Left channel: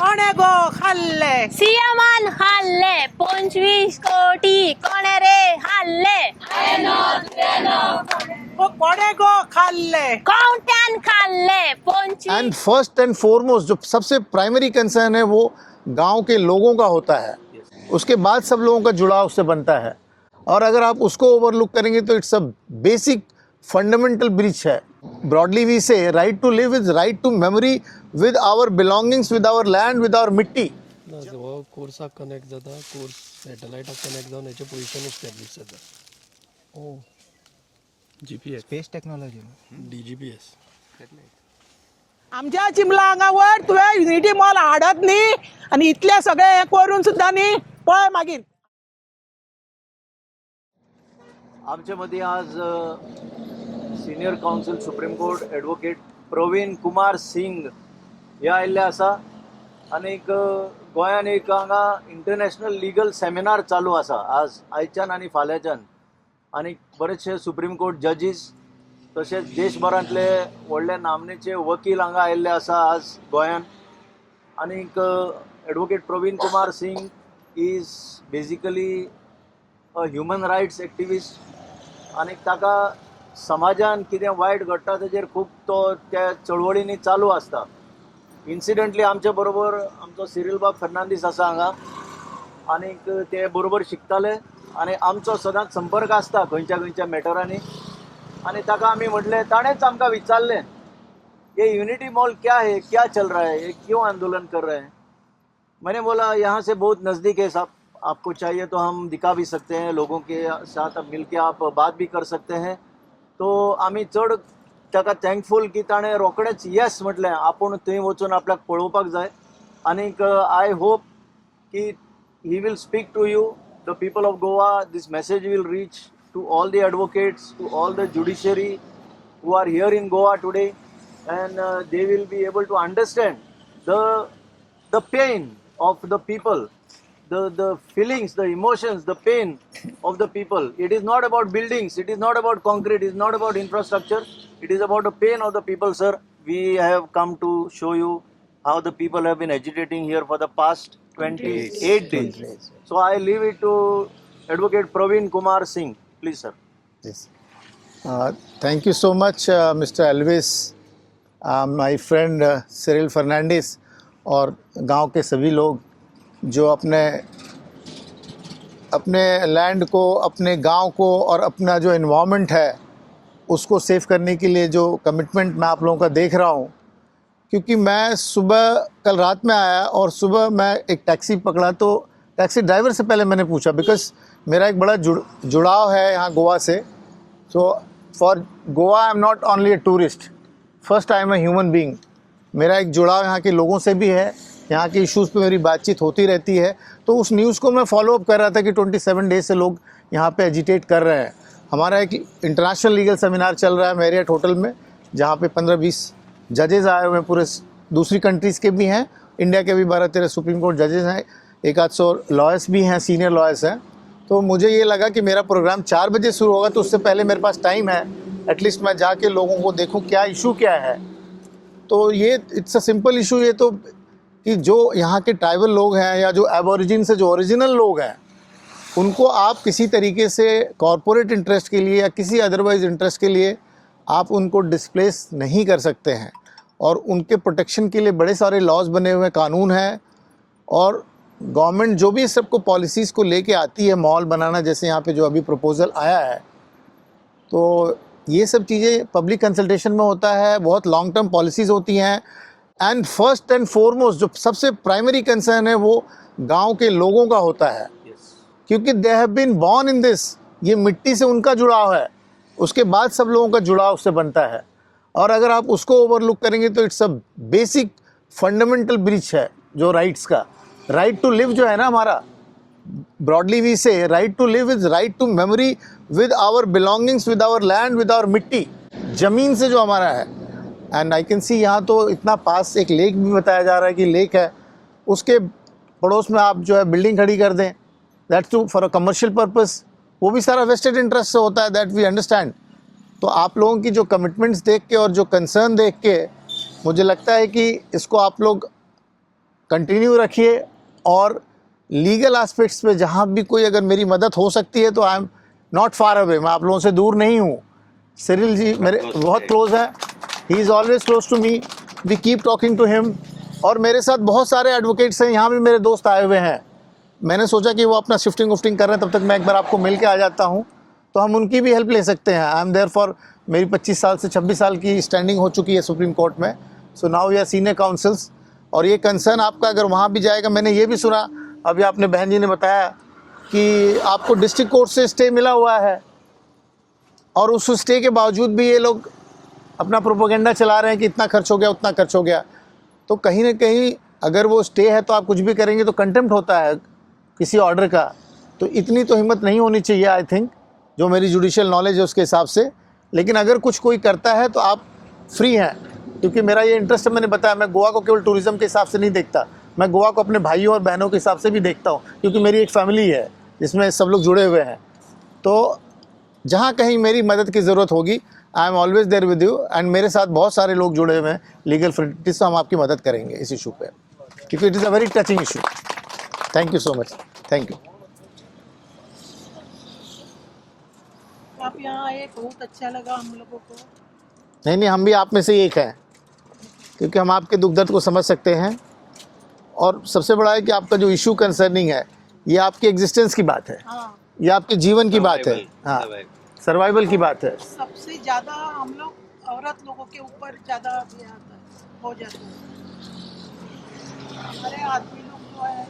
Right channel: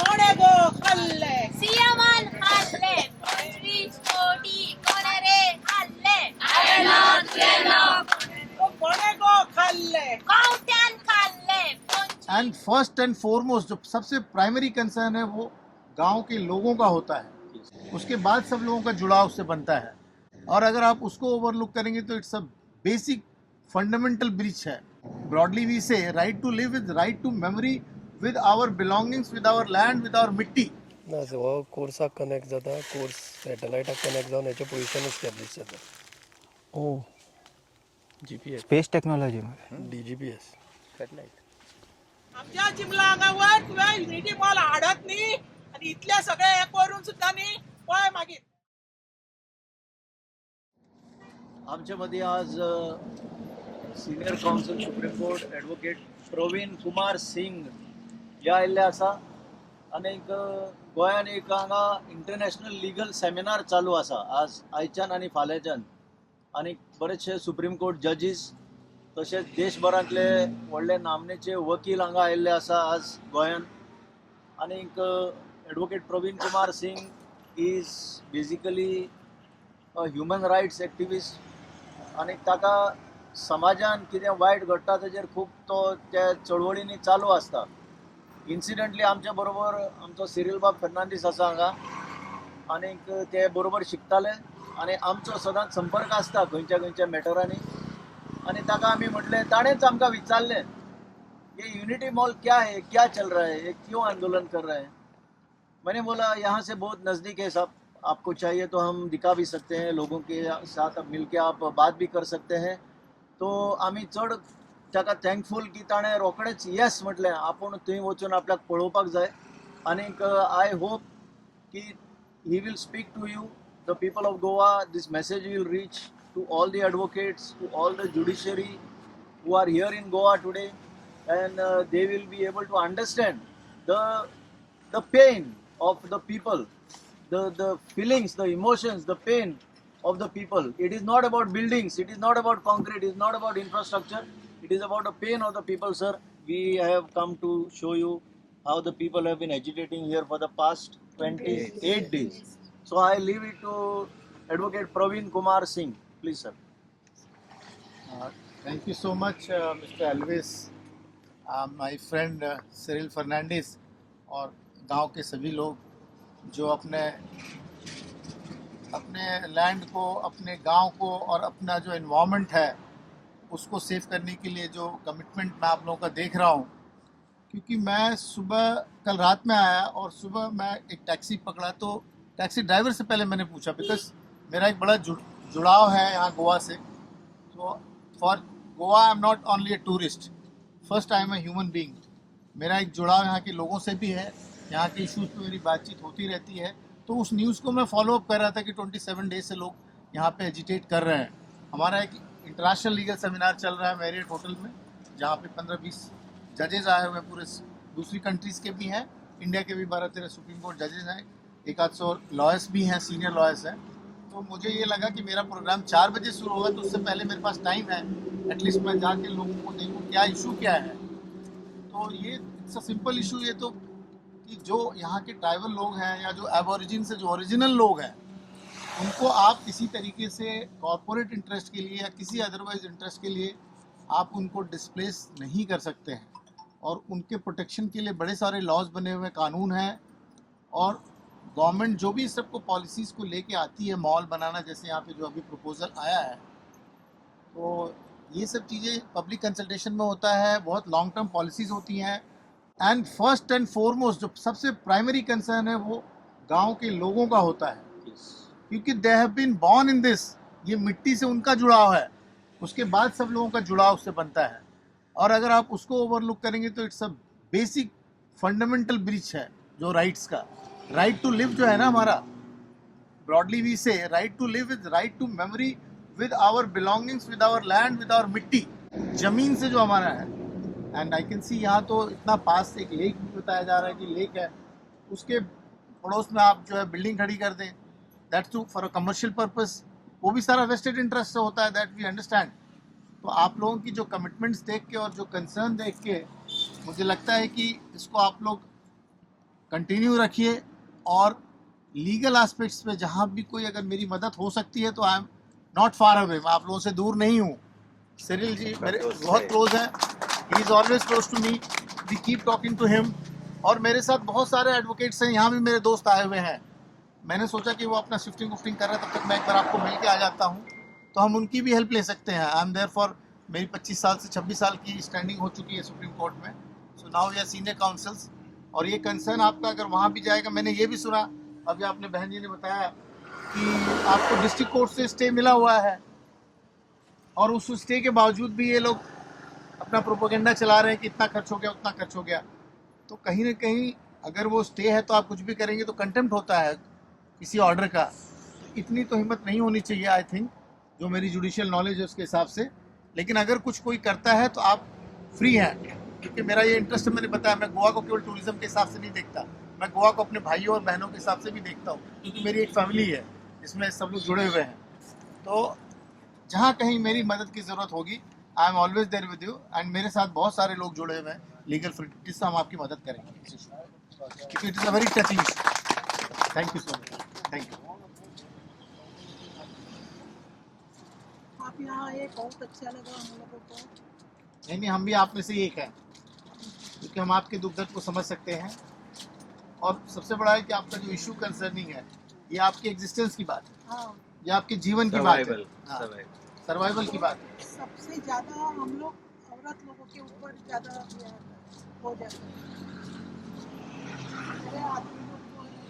कोणे गो खाल्ले सीएमान हल्ले 25 कोटी कोणे रे हल्ले कोणे गो खाल्ले कौन खाल्ले 25 एंड फर्स्ट एंड फॉरमोस्ट जो सबसे प्राइमरी कंसर्न है वो गांव के लोगों का होता है, उसके बाद सब लोगों का जुड़ाव उससे बनता है। और अगर आप उसको ओवरलुक करेंगे तो it's a basic fundamental breach है। Broadly we say right to live is right to memory with our belongings, विद आवर लैंड, विद आवर मिट्टी। ना जो कोर्साक कनेक्ट जाता, कोर्स सॅटॅलायटाक कनेक्ट जावन हेचें पोझिशन एस्टॅब्लिश जाता। ओ GPS स्पेस टेक्नॉलॉजी DGPS आमच्या चिमला हांगावर तुवें युनिटी मॉल हाडत न्ही आनी इतले सगळे हे करून सुद्दां न्ही पळय मागीर आमच्या मध्ये आज senior counsel supreme court advocate Praveen Kumar Singh हे आयिल्ले आसा आनी गोंयान एक हांगा इंटरनॅशनल लिगल सेमिनार चालू आसा आज आयच्यान आनी फाल्यांच्यान आनी बरेचशे सुप्रीम कोर्ट जजीस तशेंच देशभरांतले व्हडले नामनेचे वकील हांगा आयिल्ले आसा आज गोंयान आनीक advocate Praveen Kumar Singh is basically a human rights activist आनी ताका समाजान कितें वायट घडटा ताचेर खूब तो त्या चळवळींनी चालू आसता। इन्सिडंटली आमचे बरोबर आमचो सिरील बाब फेर्नांदीस आसा हांगा आनीक ते बरोबर शिकताले आनी आमचो सदांच संपर्क आसता खंयच्या खंयच्या मॅटरांनी आनी ताका आमी म्हटलें ताणेंच आमकां विचारलें ये यूनिटी मॉल क्या है, क्या चल रहा है, ये क्यों आंदोलन कर रहे हैं। मैंने बोला यहाँ से बहुत नज़दीक है साहब, आपको चाहिए तो हम दिखा भी सकते हैं, लोगों के साथ अब मिल के आप बात भी कर सकते हैं। तो आम्ही चढ ताका थँकफूल की ताणें रोखडेंच येस म्हटलें, आपूण थंय वचून आपल्याक पळोवपाक जाय आनीक आय होप की he will speak to you the people of Goa, this message will reach to all the advocates, to all the judiciary who are here in Goa today, and they will be able to understand the pain of the people, the feelings, the emotions, the pain of the people. It is not about buildings, it is not about concrete, it is not about infrastructure, it is about the pain of the people, sir. We have come to show you how the people have been agitating here for the past 28 days. So I leave it to Advocate Praveen Kumar Singh. Please, sir. Yes. Thank you so much, Mr. Alvis, my friend Cyril Fernandez और गांव के सभी लोग जो अपने land को, अपने गांव को और अपना जो एनवायरनमेंट है उसको सेव करने के लिए जो कमिटमेंट मैं आप लोगों का देख रहा हूं। क्योंकि मैं सुबह कल रात में आया और सुबह मैं एक टैक्सी पकड़ा तो टैक्सी ड्राइवर से पहले मैंने पूछा, बिकॉज मेरा एक बड़ा जुड़ाव है यहाँ गोवा से। So for Goa I am not only a tourist, first I am a human being. मेरा एक जुड़ाव यहाँ के लोगों से भी है, यहाँ के इश्यूज़ पे मेरी बातचीत होती रहती है। तो उस न्यूज़ को मैं फॉलो अप कर रहा था कि 27 डेज से लोग यहाँ पे एजिटेट कर रहे हैं। हमारा एक इंटरनेशनल लीगल सेमिनार चल रहा है मैरियट होटल में, जहाँ पे 15-20 जजेज़ आए हुए हैं, पूरे दूसरी कंट्रीज़ के भी हैं, इंडिया के भी 12-13 सुप्रीम कोर्ट जजेज़ हैं, 100 लॉयर्स भी हैं, सीनियर लॉयर्स हैं। तो मुझे ये लगा कि मेरा प्रोग्राम 4 बजे शुरू होगा, तो उससे पहले मेरे पास टाइम है, एटलीस्ट मैं जाके लोगों को देखूं क्या इशू क्या है। तो ये इट्स अ सिंपल इशू ये तो कि जो यहाँ के ट्राइबल लोग हैं या जो एबोरिजिन से जो ओरिजिनल लोग हैं उनको आप किसी तरीके से कॉरपोरेट इंटरेस्ट के लिए या किसी अदरवाइज इंटरेस्ट के लिए आप उनको डिस्प्लेस नहीं कर सकते हैं। और उनके प्रोटेक्शन के लिए बड़े सारे लॉज बने हुए कानून हैं और गवर्नमेंट जो भी सबको पॉलिसीज़ को लेके आती है, मॉल बनाना जैसे यहाँ पे जो अभी प्रपोजल आया है, तो ये सब चीज़ें पब्लिक कंसल्टेशन में होता है, बहुत लॉन्ग टर्म पॉलिसीज़ होती हैं। एंड फर्स्ट एंड फॉरमोस्ट जो सबसे प्राइमरी कंसर्न है वो गांव के लोगों का होता है, क्योंकि they have been born in this, ये मिट्टी से उनका जुड़ाव है, उसके बाद सब लोगों का जुड़ाव उससे बनता है। और अगर आप उसको ओवरलुक करेंगे तो it's a basic fundamental breach है जो राइट्स का। राइट टू लिव जो है ना हमारा, broadly we say right to live is right to memory with our belongings, विद आवर लैंड, विद आवर मिट्टी, ज़मीन से जो हमारा है। एंड आई कैन सी यहाँ तो इतना पास एक लेक भी बताया जा रहा है कि लेक है, उसके पड़ोस में आप जो है बिल्डिंग खड़ी कर दें, that's too for a commercial purpose, वो भी सारा वेस्टेड इंटरेस्ट से होता है, दैट वी अंडरस्टैंड। तो आप लोगों की जो कमिटमेंट्स देख के और जो कंसर्न देख के मुझे लगता है कि इसको आप लोग कंटिन्यू रखिए, और लीगल एस्पेक्ट्स पे जहाँ भी कोई अगर मेरी मदद हो सकती है तो आई एम नॉट फार अवे, मैं आप लोगों से दूर नहीं हूँ। सिरिल जी मेरे बहुत क्लोज हैं, he is always close to me, we keep talking to him. और मेरे साथ बहुत सारे एडवोकेट्स हैं, यहाँ भी मेरे दोस्त आए हुए हैं। मैंने सोचा कि वो अपना शिफ्टिंग उफ्टिंग कर रहे हैं, तब तक मैं एक बार आपको मिल के आ जाता हूँ, तो हम उनकी भी हेल्प ले सकते हैं। आई एम देयर फॉर, मेरी 25 साल से 26 साल की स्टैंडिंग हो चुकी है सुप्रीम कोर्ट में। So now we are senior counsels. और ये कंसर्न आपका अगर वहाँ भी जाएगा, मैंने ये भी सुना, अभी आपने बहन जी ने बताया कि आपको डिस्ट्रिक्ट कोर्ट से स्टे मिला हुआ है, और उस स्टे के बावजूद भी ये लोग अपना प्रोपोगेंडा चला रहे हैं कि इतना खर्च हो गया, उतना खर्च हो गया। तो कहीं ना कहीं अगर वो स्टे है तो आप कुछ भी करेंगे तो कंटेम्प्ट होता है किसी ऑर्डर का। तो इतनी तो हिम्मत नहीं होनी चाहिए, आई थिंक, जो मेरी जुडिशियल नॉलेज है उसके हिसाब से। लेकिन अगर कुछ कोई करता है तो आप फ्री हैं, क्योंकि मेरा ये इंटरेस्ट है, मैंने बताया, मैं गोवा को केवल टूरिज़्म के हिसाब से नहीं देखता, मैं गोवा को अपने भाइयों और बहनों के हिसाब से भी देखता हूँ, क्योंकि मेरी एक फैमिली है जिसमें सब लोग जुड़े हुए हैं। तो जहाँ कहीं मेरी मदद की ज़रूरत होगी, आई एम ऑलवेज देयर विद यू, एंड मेरे साथ बहुत सारे लोग जुड़े हुए हैं लीगल फ्रेंटिस, से हम आपकी मदद करेंगे इस इशू पे, क्योंकि it is a very touching issue. Thank you so much, thank you. आप यहाँ आए, बहुत अच्छा लगा हम लोगों को। नहीं, हम भी आप में से ही एक हैं, क्योंकि हम आपके दुख दर्द को समझ सकते हैं। और सबसे बड़ा है कि आपका जो इशू कंसर्निंग है, ये आपकी एग्जिस्टेंस की बात है, हाँ, ये आपके जीवन की बात है, हाँ, सर्वाइवल की बात है। सबसे ज्यादा हम लोग औरत लोगों के ऊपर ज्यादा हो जाता है। हमारे आदमी लोग जो है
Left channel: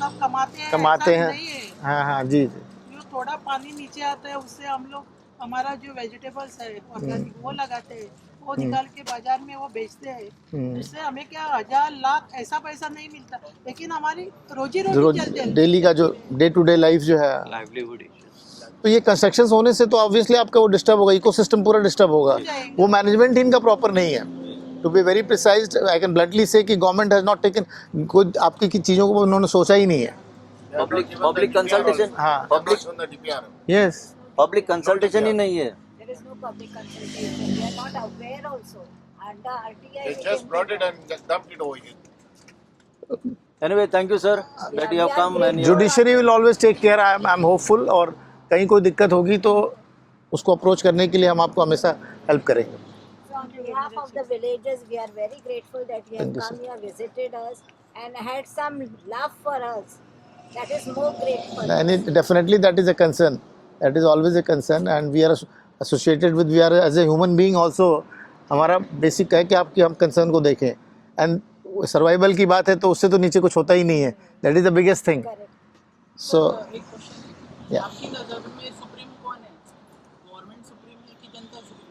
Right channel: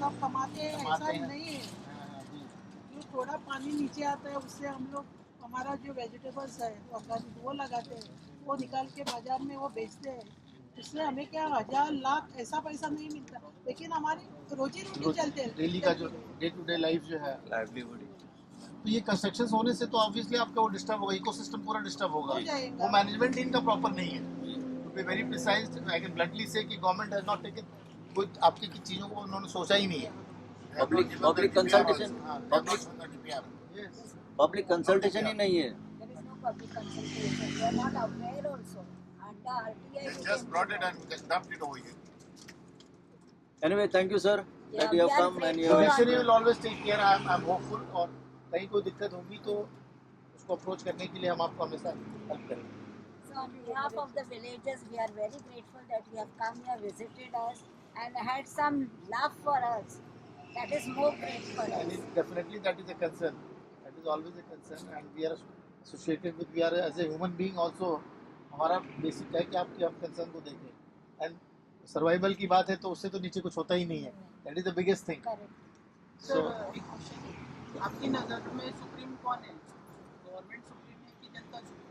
सब कमाते हैं, नहीं है। हाँ हाँ जी। जो थोड़ा पानी नीचे आता है उससे हम लोग हमारा जो वेजिटेबल्स है ऑर्गेनिक वो लगाते हैं, वो निकाल के बाजार में वो बेचते हैं। इससे हमें क्या 1000 लाख ऐसा पैसा नहीं मिलता, लेकिन हमारी रोजी रोटी चलती है, डेली का जो डे टू डे लाइफ जो है, लाइवलीहुड। तो ये कंस्ट्रक्शन होने से तो ऑब्वियसली आपका वो डिस्टर्ब होगा, इकोसिस्टम पूरा डिस्टर्ब होगा। वो मैनेजमेंट इनका प्रॉपर नहीं है। To be very precise, I can bluntly say कि गवर्नमेंट हैज नॉट टेकन, खुद आपकी की चीज़ों को उन्होंने सोचा ही नहीं है। पब्लिक कंसल्टेशन, हाँ, यस, पब्लिक कंसल्टेशन ही नहीं है। There is no public consultation. We are not aware also. And the RTI They just brought it and just dumped it over here. Anyway, thank you sir that you have come and you judiciary will always take care. I am hopeful, और कहीं कोई दिक्कत होगी तो उसको approach करने के लिए हम आपको हमेशा हेल्प करेंगे। So on behalf of the villagers, we are very grateful that you have come here, visited us, and had some love for us. That is more grateful. And definitely that is a concern. That is always a concern, and we are associated with, we are as a human being also, हमारा basic है कि आपकी हम concern को देखें। End survival की बात है तो उससे तो नीचे कुछ होता ही नहीं है। That is the biggest thing. So एक क्वेश्चन, आपकी नजर में सुप्रीम कौन है? गवर्नमेंट सुप्रीम है कि जनता सुप्रीम?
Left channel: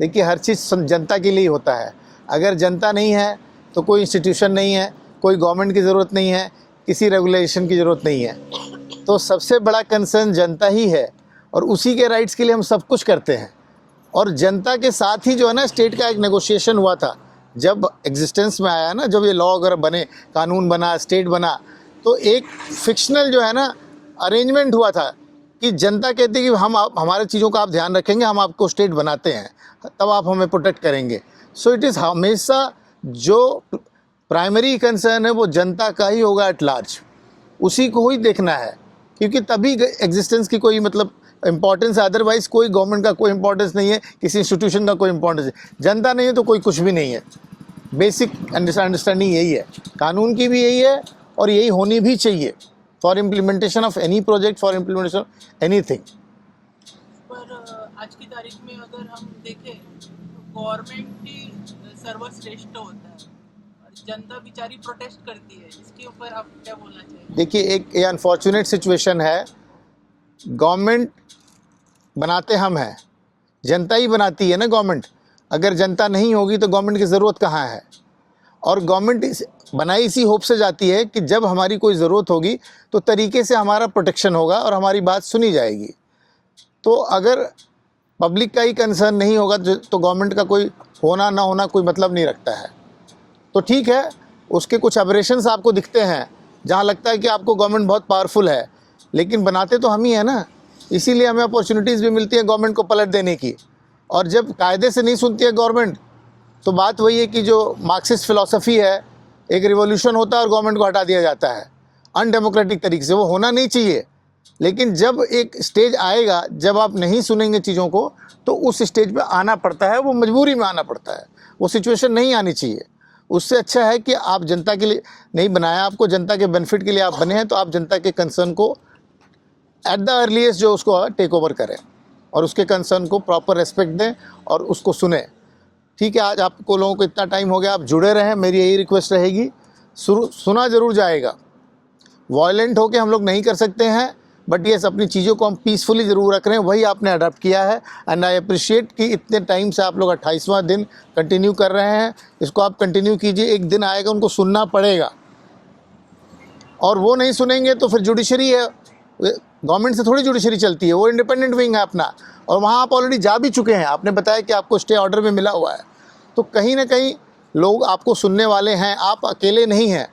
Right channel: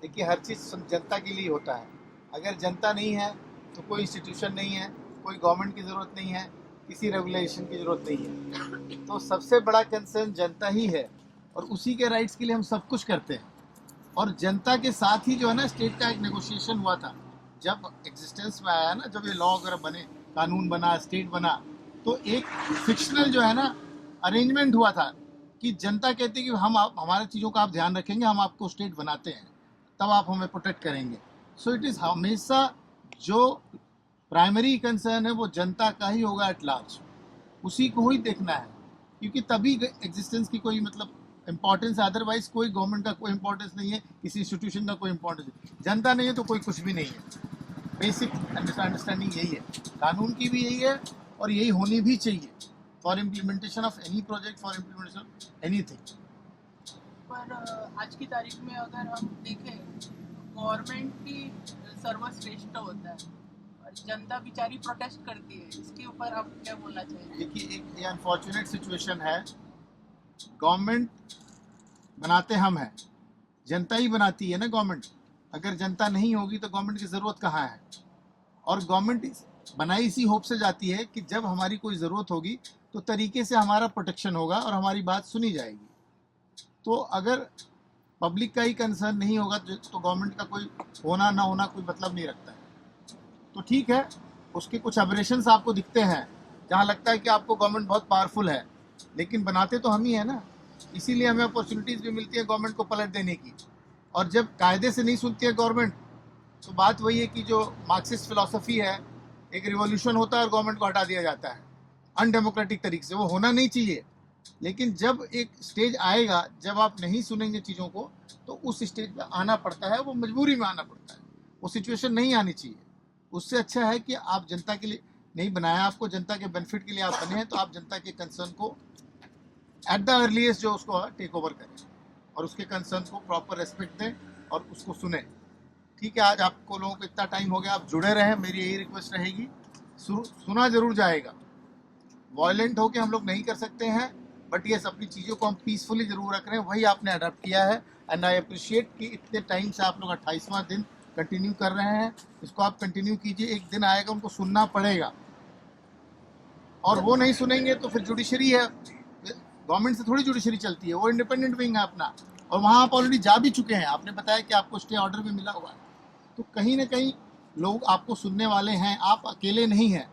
देखिए, हर चीज़ जनता के लिए होता है। अगर जनता नहीं है तो कोई इंस्टीट्यूशन नहीं है, कोई गवर्नमेंट की ज़रूरत नहीं है, किसी रेगुलेशन की ज़रूरत नहीं है। तो सबसे बड़ा कंसर्न जनता ही है, और उसी के राइट्स के लिए हम सब कुछ करते हैं। और जनता के साथ ही जो है ना, स्टेट का एक नेगोशिएशन हुआ था जब एग्जिस्टेंस में आया ना, जब ये लॉ वगैरह बने, कानून बना, स्टेट बना, तो एक फिक्शनल जो है ना अरेंजमेंट हुआ था कि जनता कहती है कि हम हमारे चीज़ों का आप ध्यान रखेंगे, हम आपको स्टेट बनाते हैं, तब आप हमें प्रोटेक्ट करेंगे। सो इट इज़ हमेशा जो प्राइमरी कंसर्न है वो जनता का ही होगा एट लार्ज, उसी को ही देखना है, क्योंकि तभी एग्जिस्टेंस की कोई मतलब इम्पोर्टेंस है। अदरवाइज कोई गवर्नमेंट का कोई इम्पोर्टेंस नहीं है, किसी इंस्टीट्यूशन का कोई इम्पोर्टेंस है। जनता नहीं है तो कोई कुछ भी नहीं है। बेसिक अंडरस्टैंडिंग यही है, कानून की भी यही है, और यही होनी भी चाहिए for implementation of any project, for implementation of anything. पर आज की तारीख में अगर हम देखें तो गवर्नमेंट ही सर्वश्रेष्ठ होता है, जनता बेचारी प्रोटेस्ट करती है, इसके ऊपर आप क्या बोलना चाहिए? देखिए, एक अनफॉर्चुनेट सिचुएशन है, गवर्नमेंट बनाते हम हैं, जनता ही बनाती है ना गवर्नमेंट। अगर जनता नहीं होगी तो गवर्नमेंट की ज़रूरत कहाँ है? और गवर्नमेंट बनाई इसी होप से जाती है कि जब हमारी कोई ज़रूरत होगी तो तरीके से हमारा प्रोटेक्शन होगा और हमारी बात सुनी जाएगी। तो अगर पब्लिक का ही कंसर्न नहीं होगा तो गवर्नमेंट का कोई होना ना होना कोई मतलब नहीं रखता है। तो ठीक है, उसके कुछ एबरेशंस आपको दिखते हैं जहाँ लगता है कि आपको गवर्नमेंट बहुत पावरफुल है, लेकिन बनाते तो हम ही हैं ना, इसीलिए हमें अपॉर्चुनिटीज़ भी मिलती है गवर्नमेंट को पलट देने की। और जब कायदे से नहीं सुनती है गवर्नमेंट, तो बात वही है कि जो मार्क्सिस्ट फ़िलॉसफी है एक रिवॉल्यूशन होता है और गवर्नमेंट को हटा दिया जाता है अनडेमोक्रेटिक तरीके से, वो होना नहीं चाहिए। लेकिन जब एक स्टेज आएगा जब आप नहीं सुनेंगे चीज़ों को, तो उस स्टेज पे आना पड़ता है, वो मजबूरी में आना पड़ता है, वो सिचुएशन नहीं आनी चाहिए। उससे अच्छा है कि आप जनता के लिए नहीं बनाया, आपको जनता के बेनिफिट के लिए आप बने हैं, तो आप जनता के कंसर्न को एट द अर्लीस्ट जो उसको टेक ओवर करें और उसके कंसर्न को प्रॉपर रेस्पेक्ट दें और उसको सुने। ठीक है, आज आपको लोगों को इतना टाइम हो गया, आप जुड़े रहें, मेरी यही रिक्वेस्ट रहेगी। सुना ज़रूर जाएगा, वायलेंट होके हम लोग नहीं कर सकते हैं, बट येस अपनी चीज़ों को हम पीसफुली ज़रूर रख रहे हैं, वही आपने अडॉप्ट किया है। एंड आई अप्रिशिएट कि इतने टाइम से आप लोग 28वां दिन कंटिन्यू कर रहे हैं, इसको आप कंटिन्यू कीजिए। एक दिन आएगा उनको सुनना पड़ेगा, और वो नहीं सुनेंगे तो फिर जुडिशरी है, गवर्नमेंट से थोड़ी जुडिशरी चलती है, वो इंडिपेंडेंट विंग है अपना, और वहाँ आप ऑलरेडी जा भी चुके हैं। आपने बताया कि आपको स्टे ऑर्डर भी मिला हुआ है, तो कहीं ना कहीं लोग आपको सुनने वाले हैं, आप अकेले नहीं हैं,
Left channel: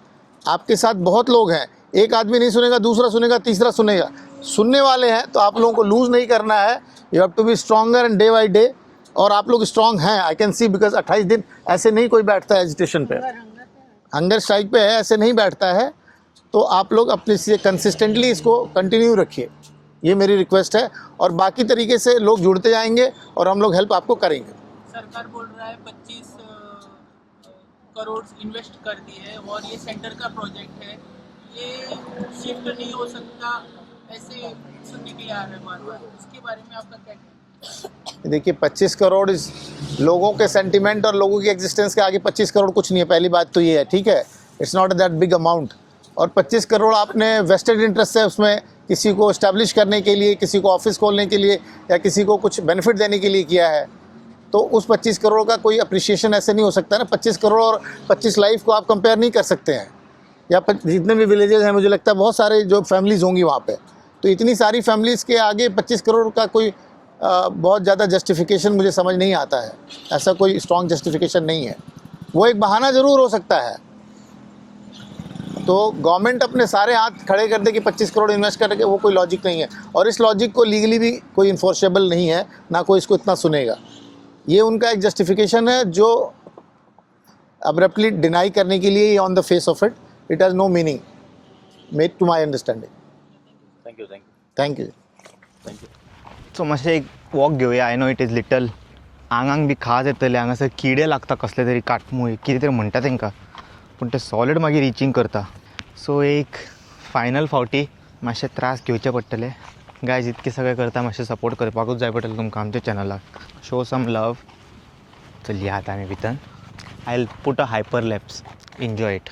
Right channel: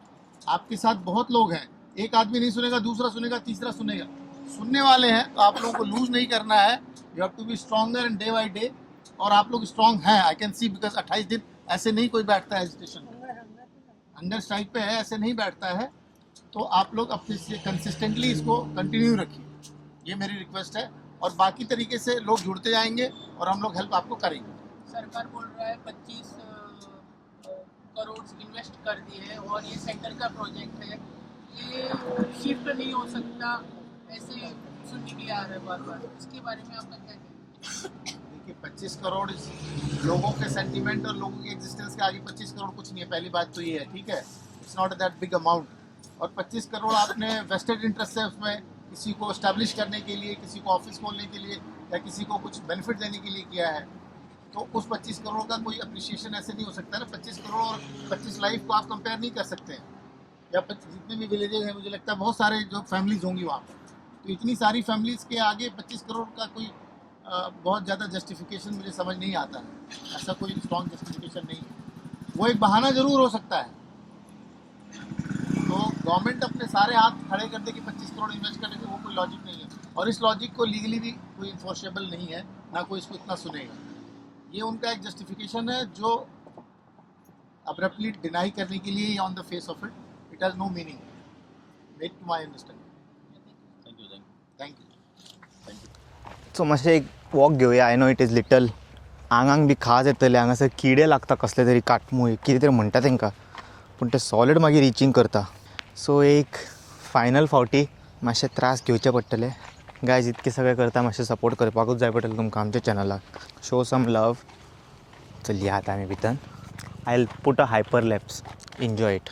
आपके साथ बहुत लोग हैं। एक आदमी नहीं सुनेगा, दूसरा सुनेगा, तीसरा सुनेगा, सुनने वाले हैं। तो आप लोगों को लूज़ नहीं करना है, you have to be stronger and day by day, और आप लोग स्ट्रॉन्ग हैं, आई कैन सी, बिकॉज 28 दिन ऐसे नहीं कोई बैठता है एजिटेशन पे, हंगर स्ट्राइक पे है, ऐसे नहीं बैठता है। तो आप लोग अपने से कंसिस्टेंटली इसको कंटिन्यू रखिए, ये मेरी रिक्वेस्ट है, और बाकी तरीके से लोग जुड़ते जाएंगे और हम लोग हेल्प आपको करेंगे। सरकार बोल रहा है 25 करोड़ इन्वेस्ट कर दिए है और ये सेंटर का प्रोजेक्ट है, ये शिफ्ट नहीं हो सकता, ऐसे सुनने के लिए आ रहा है बार बार, इसके बारे में आपका क्या कहना है? देखिए 25 करोड़ इस लोगों के सेंटिमेंट और लोगों की एग्जिस्टेंस के आगे 25 करोड़ कुछ नहीं है, पहली बात तो ये है, ठीक है, it's not that big amount. और 25 करोड़ आपने वेस्टेड इंटरेस्ट है उसमें, किसी को इस्टेब्लिश करने के लिए, किसी को ऑफिस खोलने के लिए, या किसी को कुछ बेनिफिट देने के लिए किया है, तो उस 25 करोड़ का कोई अप्रिशिएशन ऐसे नहीं हो सकता ना। 25 करोड़ और 25 लाइफ को आप कंपेयर नहीं कर सकते हैं। या जितने भी विलेजेस हैं, मुझे लगता है बहुत सारे जो फैमिलीज़ होंगी वहाँ पे, तो इतनी सारी फैमिलीज़ के आगे 25 करोड़ का कोई बहुत ज़्यादा जस्टिफिकेशन मुझे समझ नहीं आता है। ऐसा कोई स्ट्रॉन्ग जस्टिफिकेशन नहीं है, वो एक बहाना ज़रूर हो सकता है। तो गवर्नमेंट अपने सारे हाथ खड़े कर दे कि 25 करोड़ इन्वेस्ट करके, वो कोई लॉजिक नहीं है, और इस लॉजिक को लीगली भी कोई इन्फोर्सेबल नहीं है, ना कोई इसको इतना सुनेगा। ये उनका एक जस्टिफिकेशन है जो अब्रप्टली डिनाई करने के लिए, on the face of it, it has no meaning made to my understanding. Thank you thank you. So मातशें एक वॉक घेवया. I know it is little, आंगांक बी खाज येतले, हांगासर किडे लागता कसले तरी, काटमूय कितें तरी म्हणटा तांकां, पूण ते सॉलिड मागीर रिचींग करता. सो एक फायनल फावटी मातशे त्रास घेवचे पडटले. गायज इतकें सगळें करता, मातशें सपोर्ट करपाकूच जाय पडटलें तुमकां आमच्या चॅनलाक. Show some love. चलया आतां आमी भितर. I will put a hyper lapse. Enjoy it.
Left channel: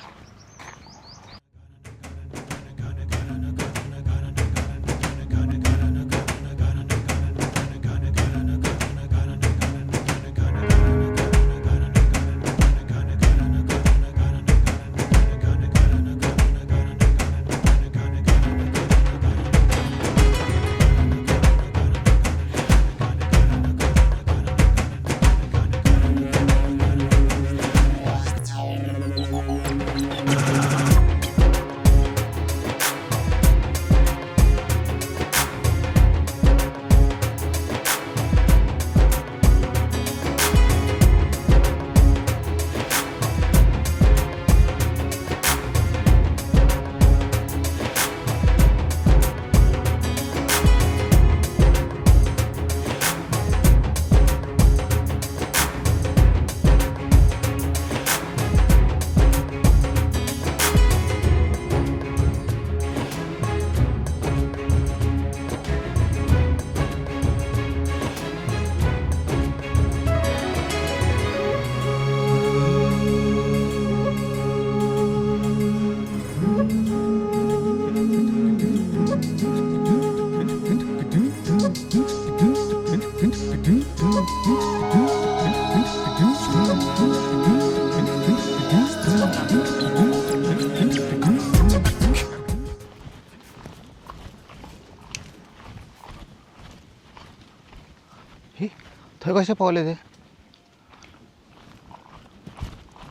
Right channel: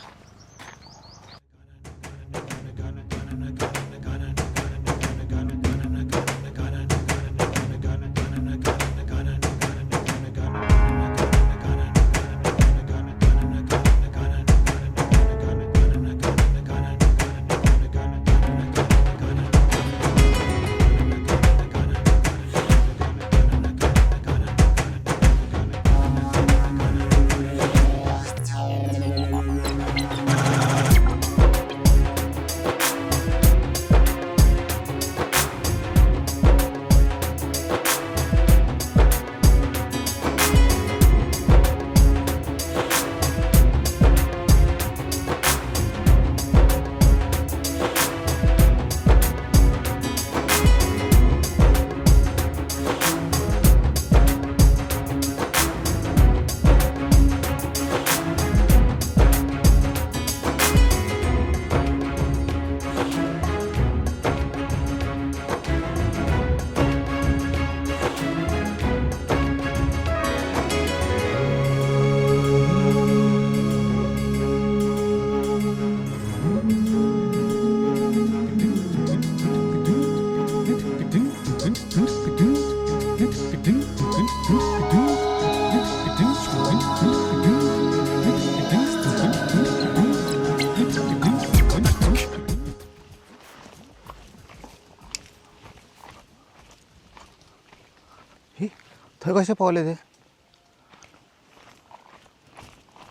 थंय कशें पावले ते?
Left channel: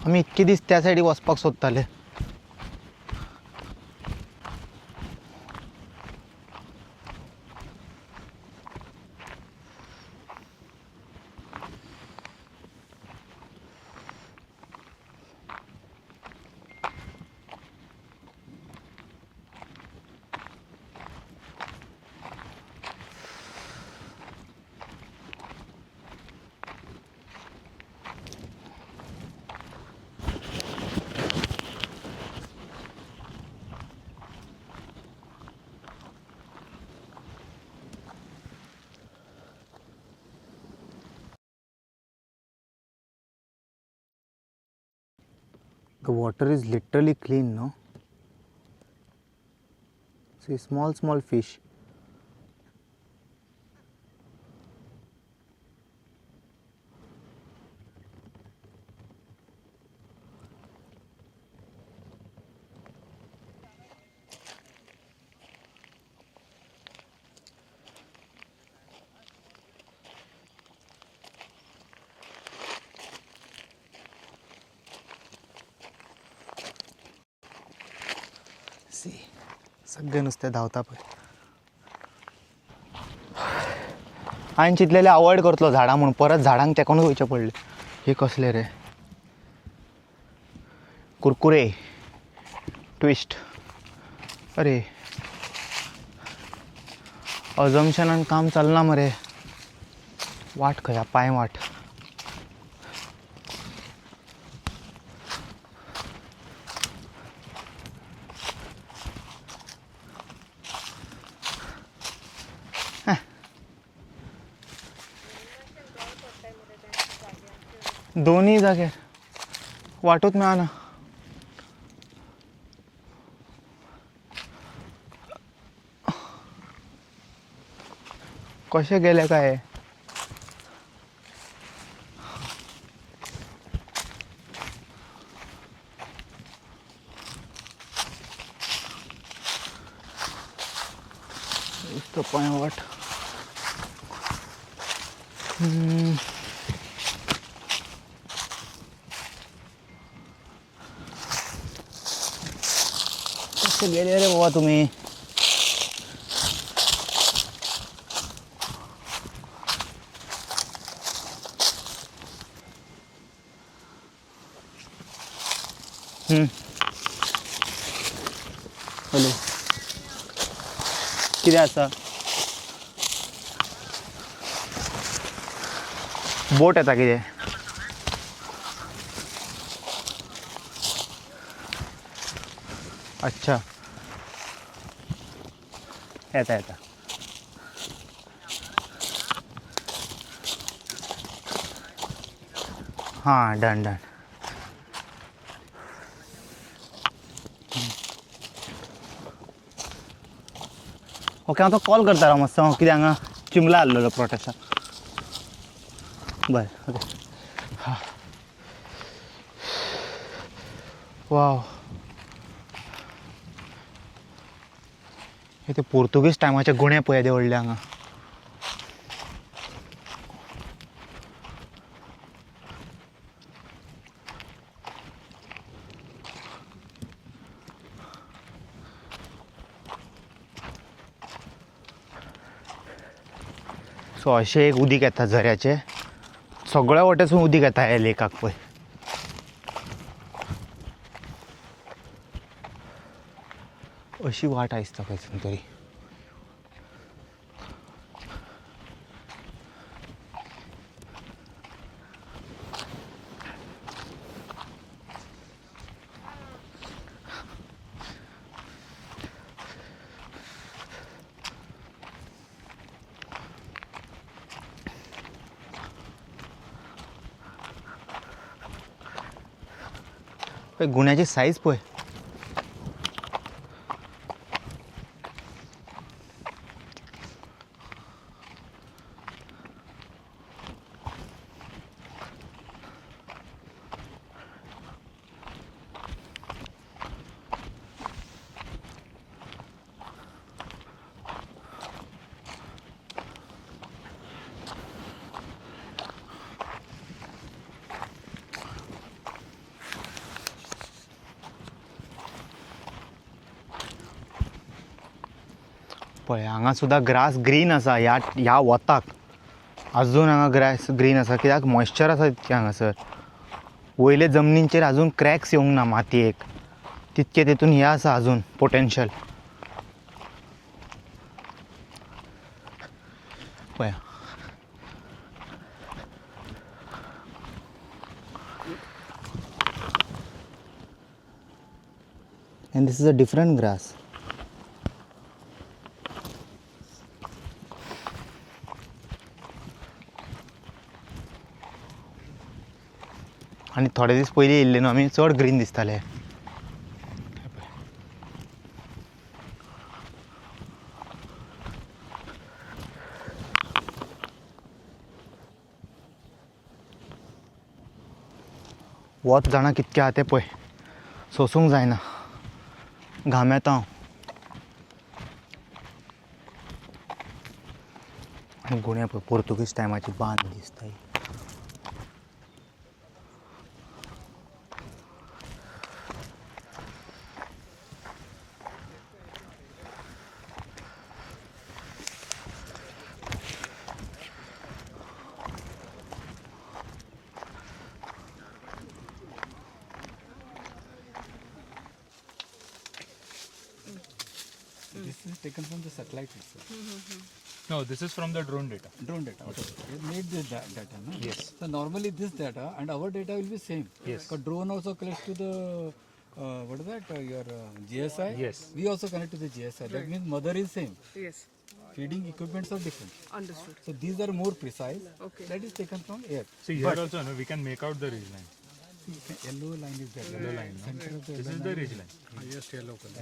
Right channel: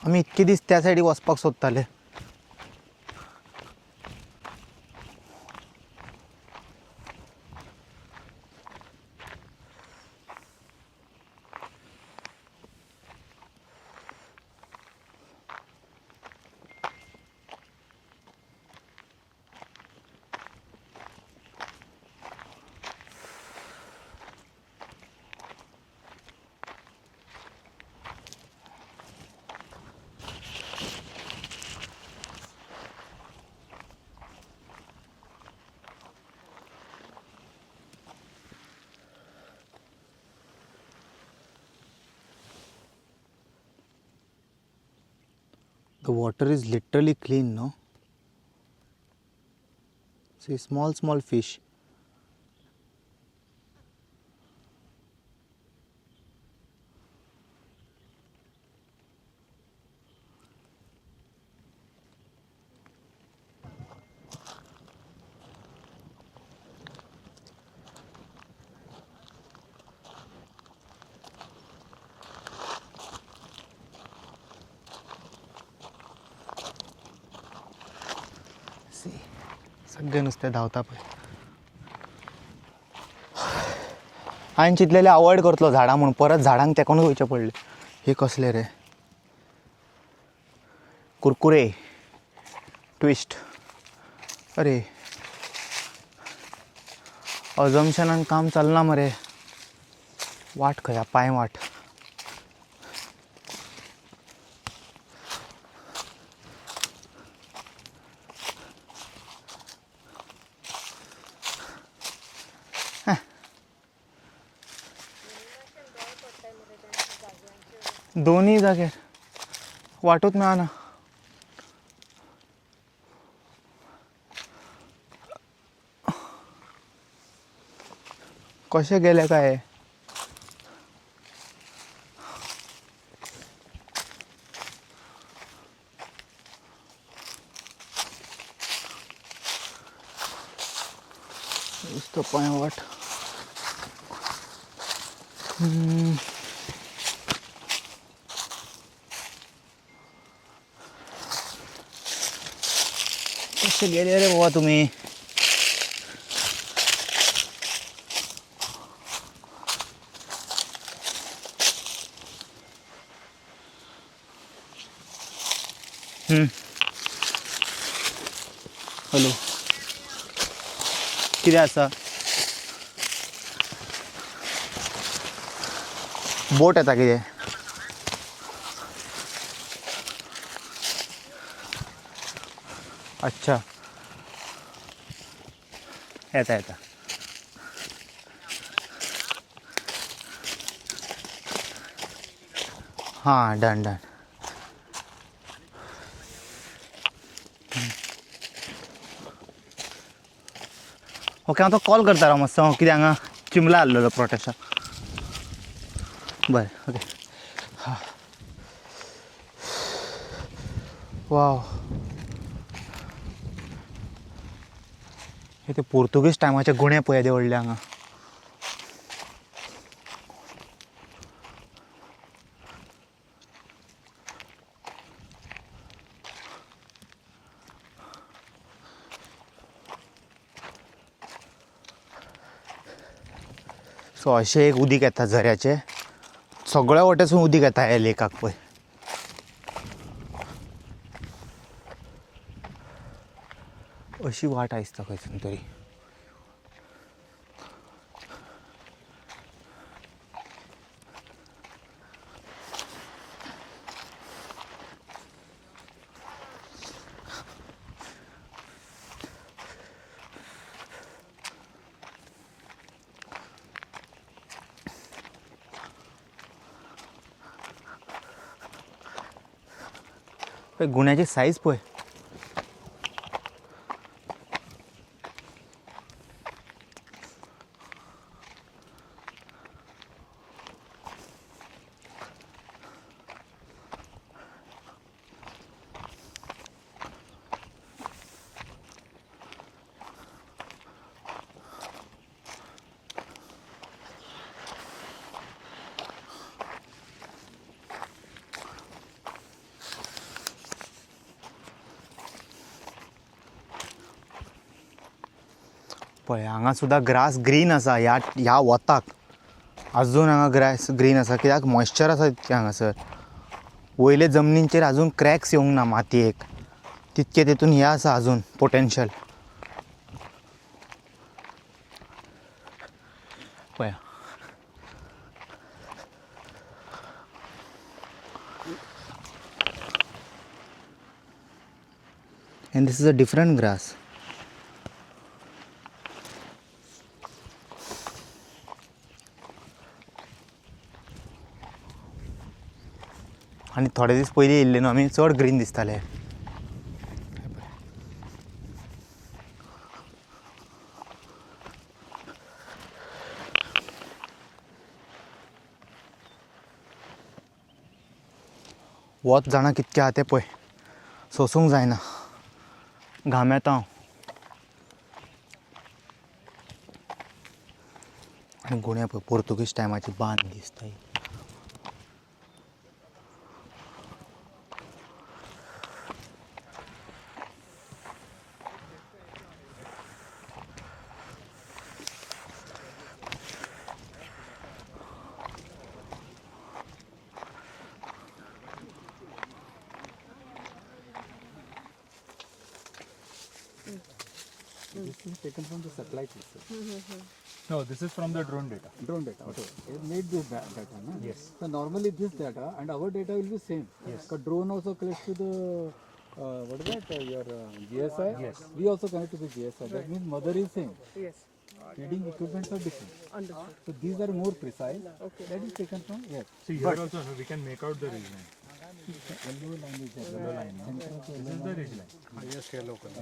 आमी इतके दीस त्या सायडीक वचपाक सोदताले. The water is literally clean, no? See, small fish. See, सगळे नुसते धावता पळय. हांवें चिंतलेलें अवॉयड करतलो झाडां म्हणून, परत झाडांक तेंकोनूच वयचें पडलें. हे कसले रे कुरकुरे ट्विस्ट. अरे अजम्पशनान काम चलना मरे. वाट खंय पांय वाट. दोन्ही जाग्यार वाटूच मेळना. कशें गेले काय. पांय वाट. कसे गेले रे बाबा तुम्ही. हॅलो कितें आसा. बोट येता कितें. अच्छा येता येता. हां डन डन. ओके हांव तो कॉल करता राव मातसो. कित्याक हांगा चिंबला आसलेलो प्रोटेक्शन. बरें ओके. हां वाव. हे ते पोर्तुगीज टायमाचे गुणे पळय येदे व्हडले हांगा. सो अशें एक उदीक येता झऱ्याचें. सगळ्या वटेसून उदीक येता ह्या लेकाक पळय. अशी वाट आसता खंयसून तरी. गुण्याची साईज पळय. पळय हांगा सुद्दां ग्रास ग्रीन आसा. ह्या वताक अजून हांगा ग्रास ग्रीन आसा. कित्याक मॉइश्चर आसा तितकें हांगासर. वयले जमनीचेर अजून क्रॅक्स येवंक ना मातयेक. तितके तेतून हें आसा अजून पोटेन्शियल. पळय and this is a different grass. आनी थोडे दीस पयलीं येयल्ले न्हू आमी चड ग्रीन दिसताले. वत जाणा कितकें आहा तें पळय, सोसूंक जायना, घाम येता आनी गुण्या पळय पोर्तुगीज टायमाची बांद दिसता ही. This is taken from the satellite itself. No, this is from the drone data. Drone data. Okay. It make this data, no? Yes. So normally this data and our data will be same. Yes. But drone also connects to the what is that? Your GSI. Yes. We also connect to the GSI. That means mother is same. Yes. Feeding equipments are different. Understood. So these are more precise. Okay. That is taken from air. So here also, no, we can make out the ridge line. Yellow line is there. Yellow line, no? This is the ridge line. Highest yellow color.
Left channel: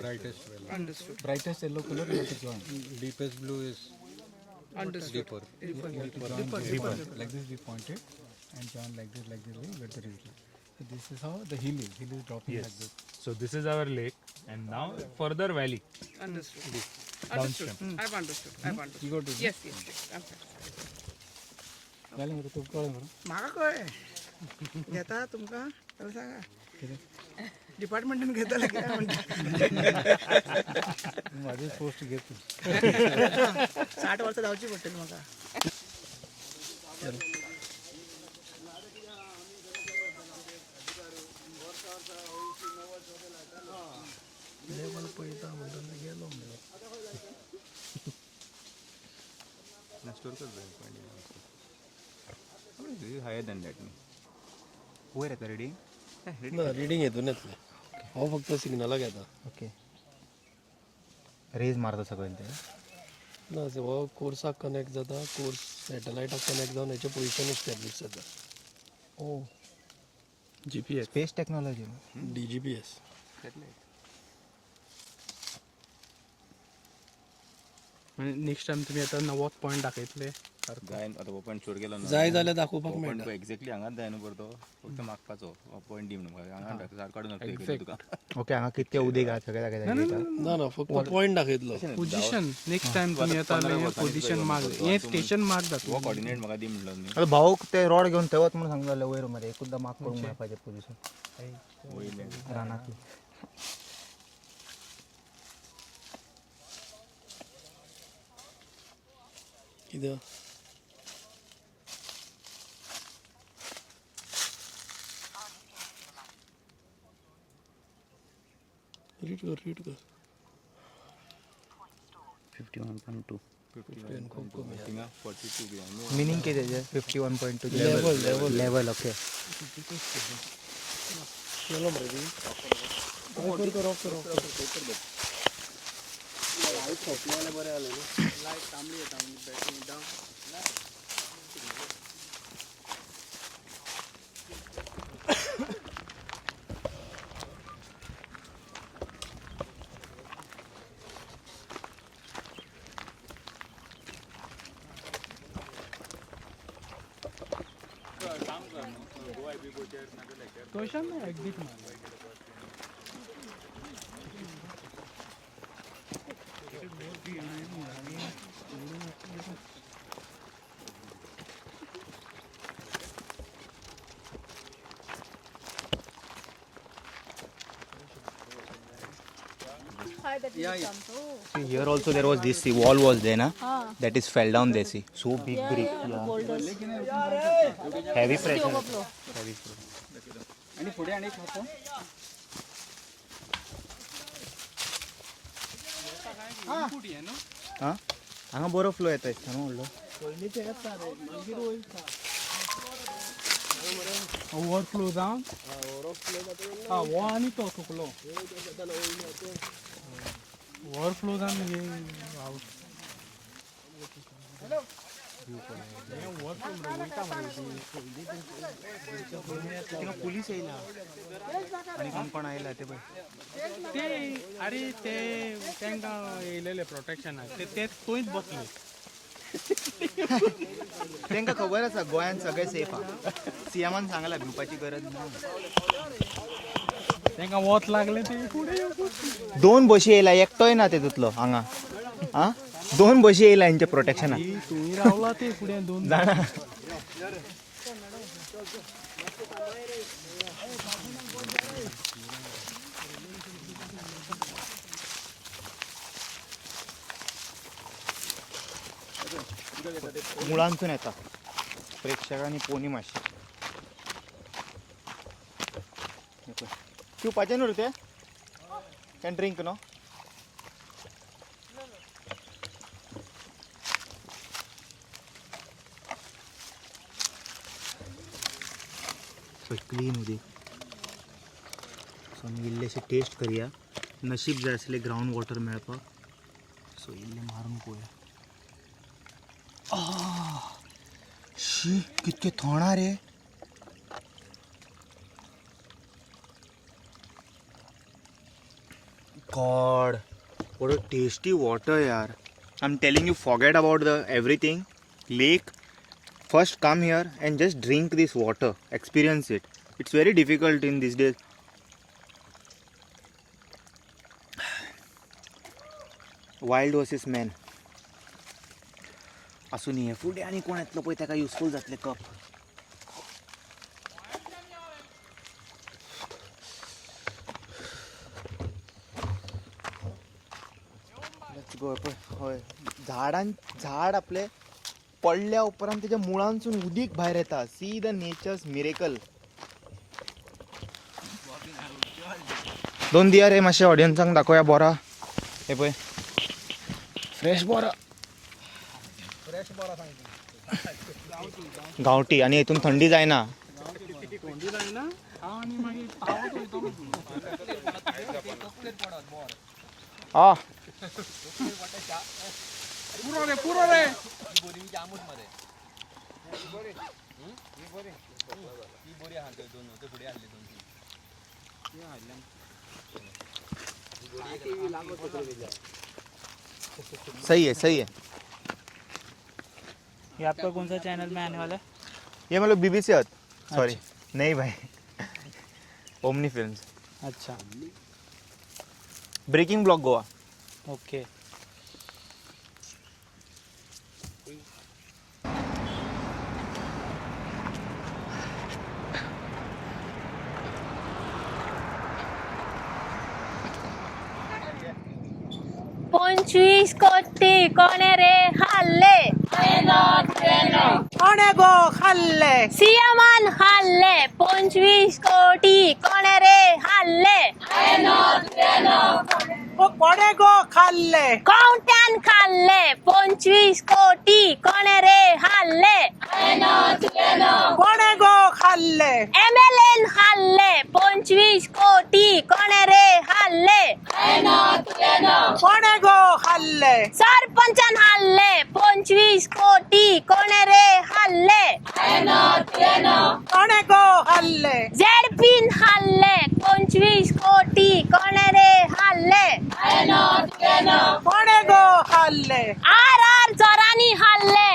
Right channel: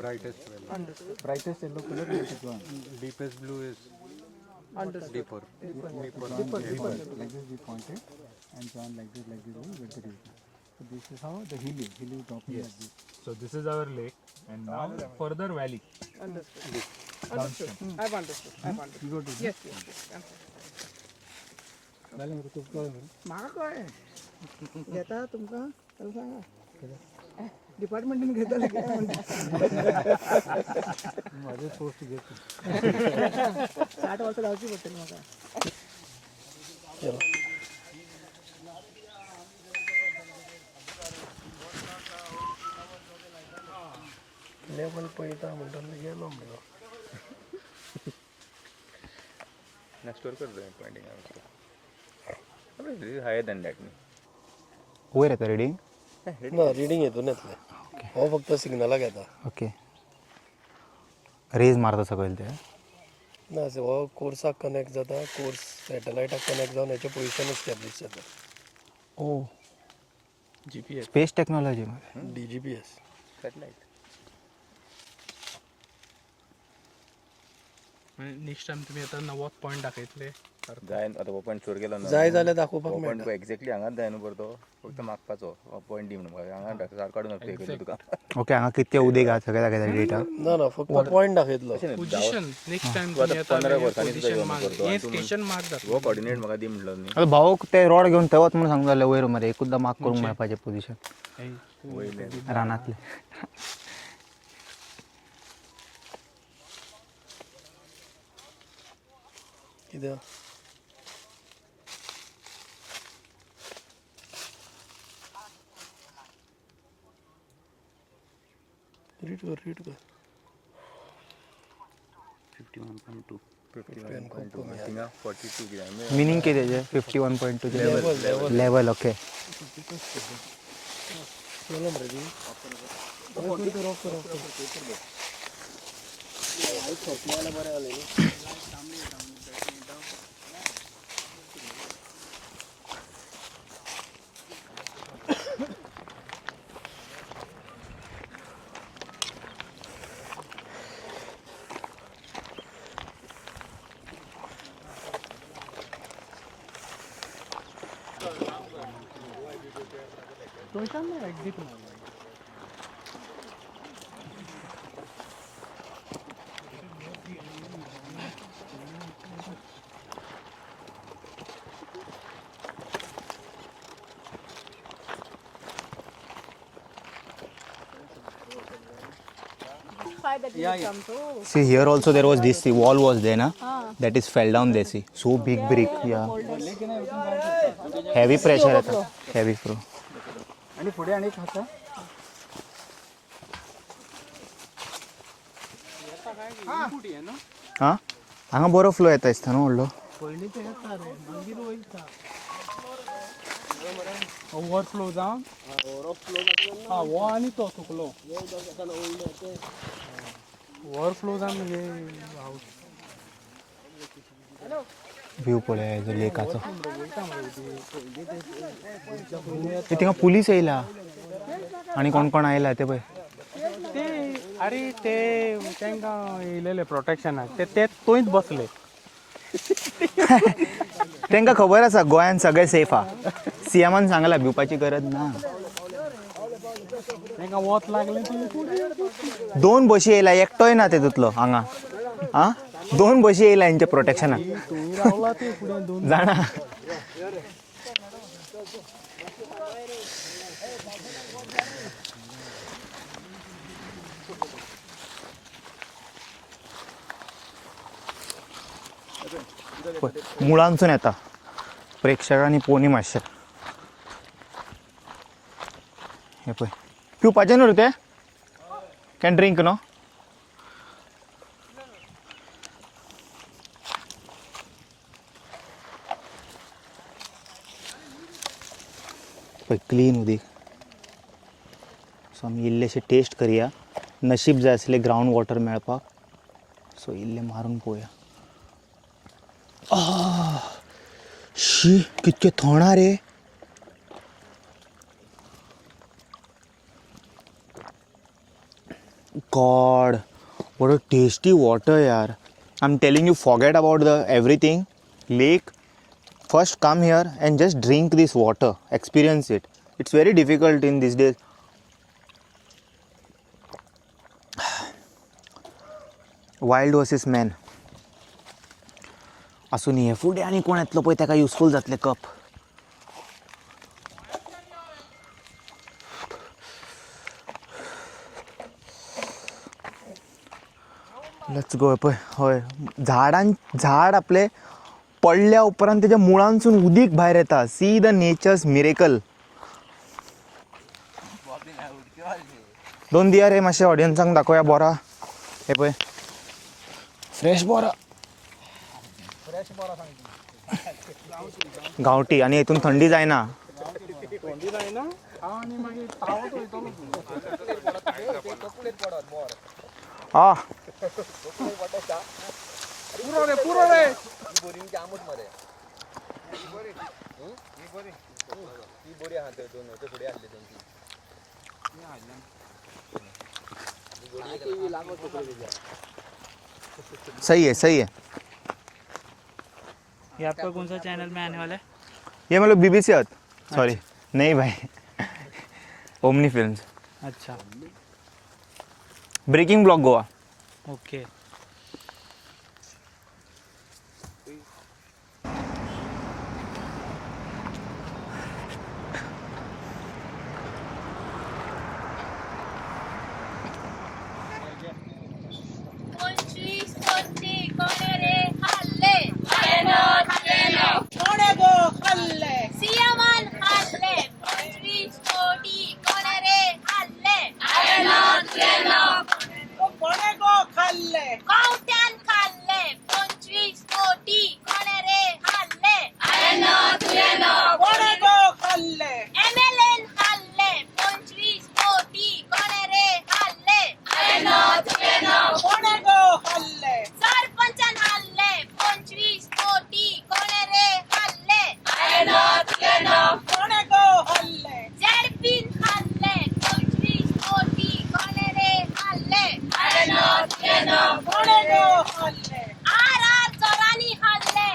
Brightest yellow. Understood. Brightest yellow color is this one. Deepest blue is Understood. deeper. Deeper. Like this we pointed and John like this where the ridge line. So this is how the hill is dropping Yes. like this. So this is our lake, and now further valley. Understood. Understood. I've understood. I've understood. You got it? Yes, yes, yes. म्हाका कळ्ळें घेता तुमकां जाल्यार सांगा डिपार्टमेंटान घेता कितें म्हणटा माझे पोस्ट घेतो 60 वर्सां जावची पडटली म्हाका. लेवल पळयता म्हणटना गेलो म्हणलो. Higher than that. वयर येता रिडींग. ना रिडींग हितून येतलें. हो फक्त सिग्नलाक येता. ओके. रेज मारता सकयल ते. ना हो कोर्साक कनेक्ट जाता, कोर्स सॅटलायटाक कनेक्ट जावन हेचें पोजिशन एस्टॅब्लीश जाता. ओ GPS. Space technology. DGPS. Next time तुम्ही आता 90 पॉईंट दाखयतले. जाय आता हो पॉईंट चोर गेलो ना. जाय जाल्यार दाखोवपाक हो पॉईंट मेळटा. एक्झॅक्टली हांगाच जाय न्हू परतो, फक्त मागपाचो पॉईंट दी म्हणून हांगा सारको काडून तुका. ओके, हांगा कितके उदीक आहा सगळें दाखयता डेटा. ना ना फक्त पॉयंट दाखयतलो. पोझिशन नेक्स्ट टाइम तुम्ही आता 15 वर्सांनी पोझिशन मार्क हे स्टेशन मार्क दाखव. हो कोऑर्डिनेट म्हाका दी म्हणलो न्ही. आता भाऊक ते रॉड घेवन थंय वच म्हणून सांगता जाल्यार वयर मरे एकूचदां मार्क करूंक मेळपाचें पोजिशन वयले रानांतलें. कित्याक रीड कर. 51.2. 51.2 थिंगा 42 कितें. मिनींग कितें तेजें 51.2 लेवल. ओके. केलो मरे ती. बरें जालें न्ही. एक्झिट मारला. See here also there was this wall was there na, that is fell down there. See so big brick. Yeah, heavy pressure आता. Heavy flow. आणि पुढे आणि एक होतं हां हांगा बरो फ्लो येता दिसता न्हू व्हडलो. ओव्हरफ्लो जावन हो आनी तो सुकलो. ओव्हरफ्लो जावन हे व्ह्यू पळया लेकाचो. ते थिंगा पुलीस येयला आणि कोण कोण आयला ते पळय. अरे ते तांकां येयलेले प्रोटेक्शनाक ते थंयच बसले. तांकां खबर आसा गोंयांत सगळें सेफ हा. सीएमान सांगला भिवपाची गरज ना. तांकां वत लागले ते 2 बशी येयला एकटोय ना तेतूंतलो हांगा. आ 2 बशी येयला हेंच्या प्रोटेक्शनाक रावला ते फुडें 2 जाणा. मुळांसून येता प्रेक्षकांनी पोनी मातशें. हे पळय पिवपाचें न्हू रे ते. Can drink no. पळय क्लीन उदीक. सो आमी इल्लेशें टेस्ट करया. नशीब जाय आसलें ग्रावंड वॉटर मेळपाक. सो इल्लें मारून पळोवया. शी कितके थोणा रे. God what a tasty water yaar. I'm telling you, forget about the everything lake. First come here and just drink this water, experience it. It's very difficult in these days. Wild versus man. असून हे फुडें आनी कोण येतलो पळय ताका useful जातले cup. Let's go. पळय हय झाड आपले पडल्या उपरांत तेज्या मुळांसून उदीक भायर येता. See the natures miracle. 2 दिया रे मातशें ऑडियन्सांक दाखोवया बोरा. हे पळय फ्रेश बोरा. गांवठी आणि हितून थंडी जायना. सही है सही है. ये आपका कौन सा चैनल में आने वाला है? ये मतलब बीबीसी अर्थ. सॉरी नहीं भाई, ओमनी फिल्म्स. अच्छा ब्रेकिंग ब्लॉग गोवा. ओके. पंचवीस कोटी कोणे रे हल्ले. कोणे गो खाल्ले. सीएमान हल्ले. 25 कोटी कोणे रे हल्ले. कोणे गो खाल्ले. कोणत्यान खाल्ले. 25 कोटी कोणे रे हल्ले. कोणे गो खाल्ले. एमएलएन हल्ले. 25 कोटी कोणे रे हल्ले. कोणे गो खाल्ले. सरपंचन हल्ले. 25 कोटी कोणे रे हल्ले. कोणे गो खाल्ले. जेडपीन हल्ले. 25 कोटी कोणे रे हल्ले. कोणे गो खाल्ले. आर चोरांनी हल्ले.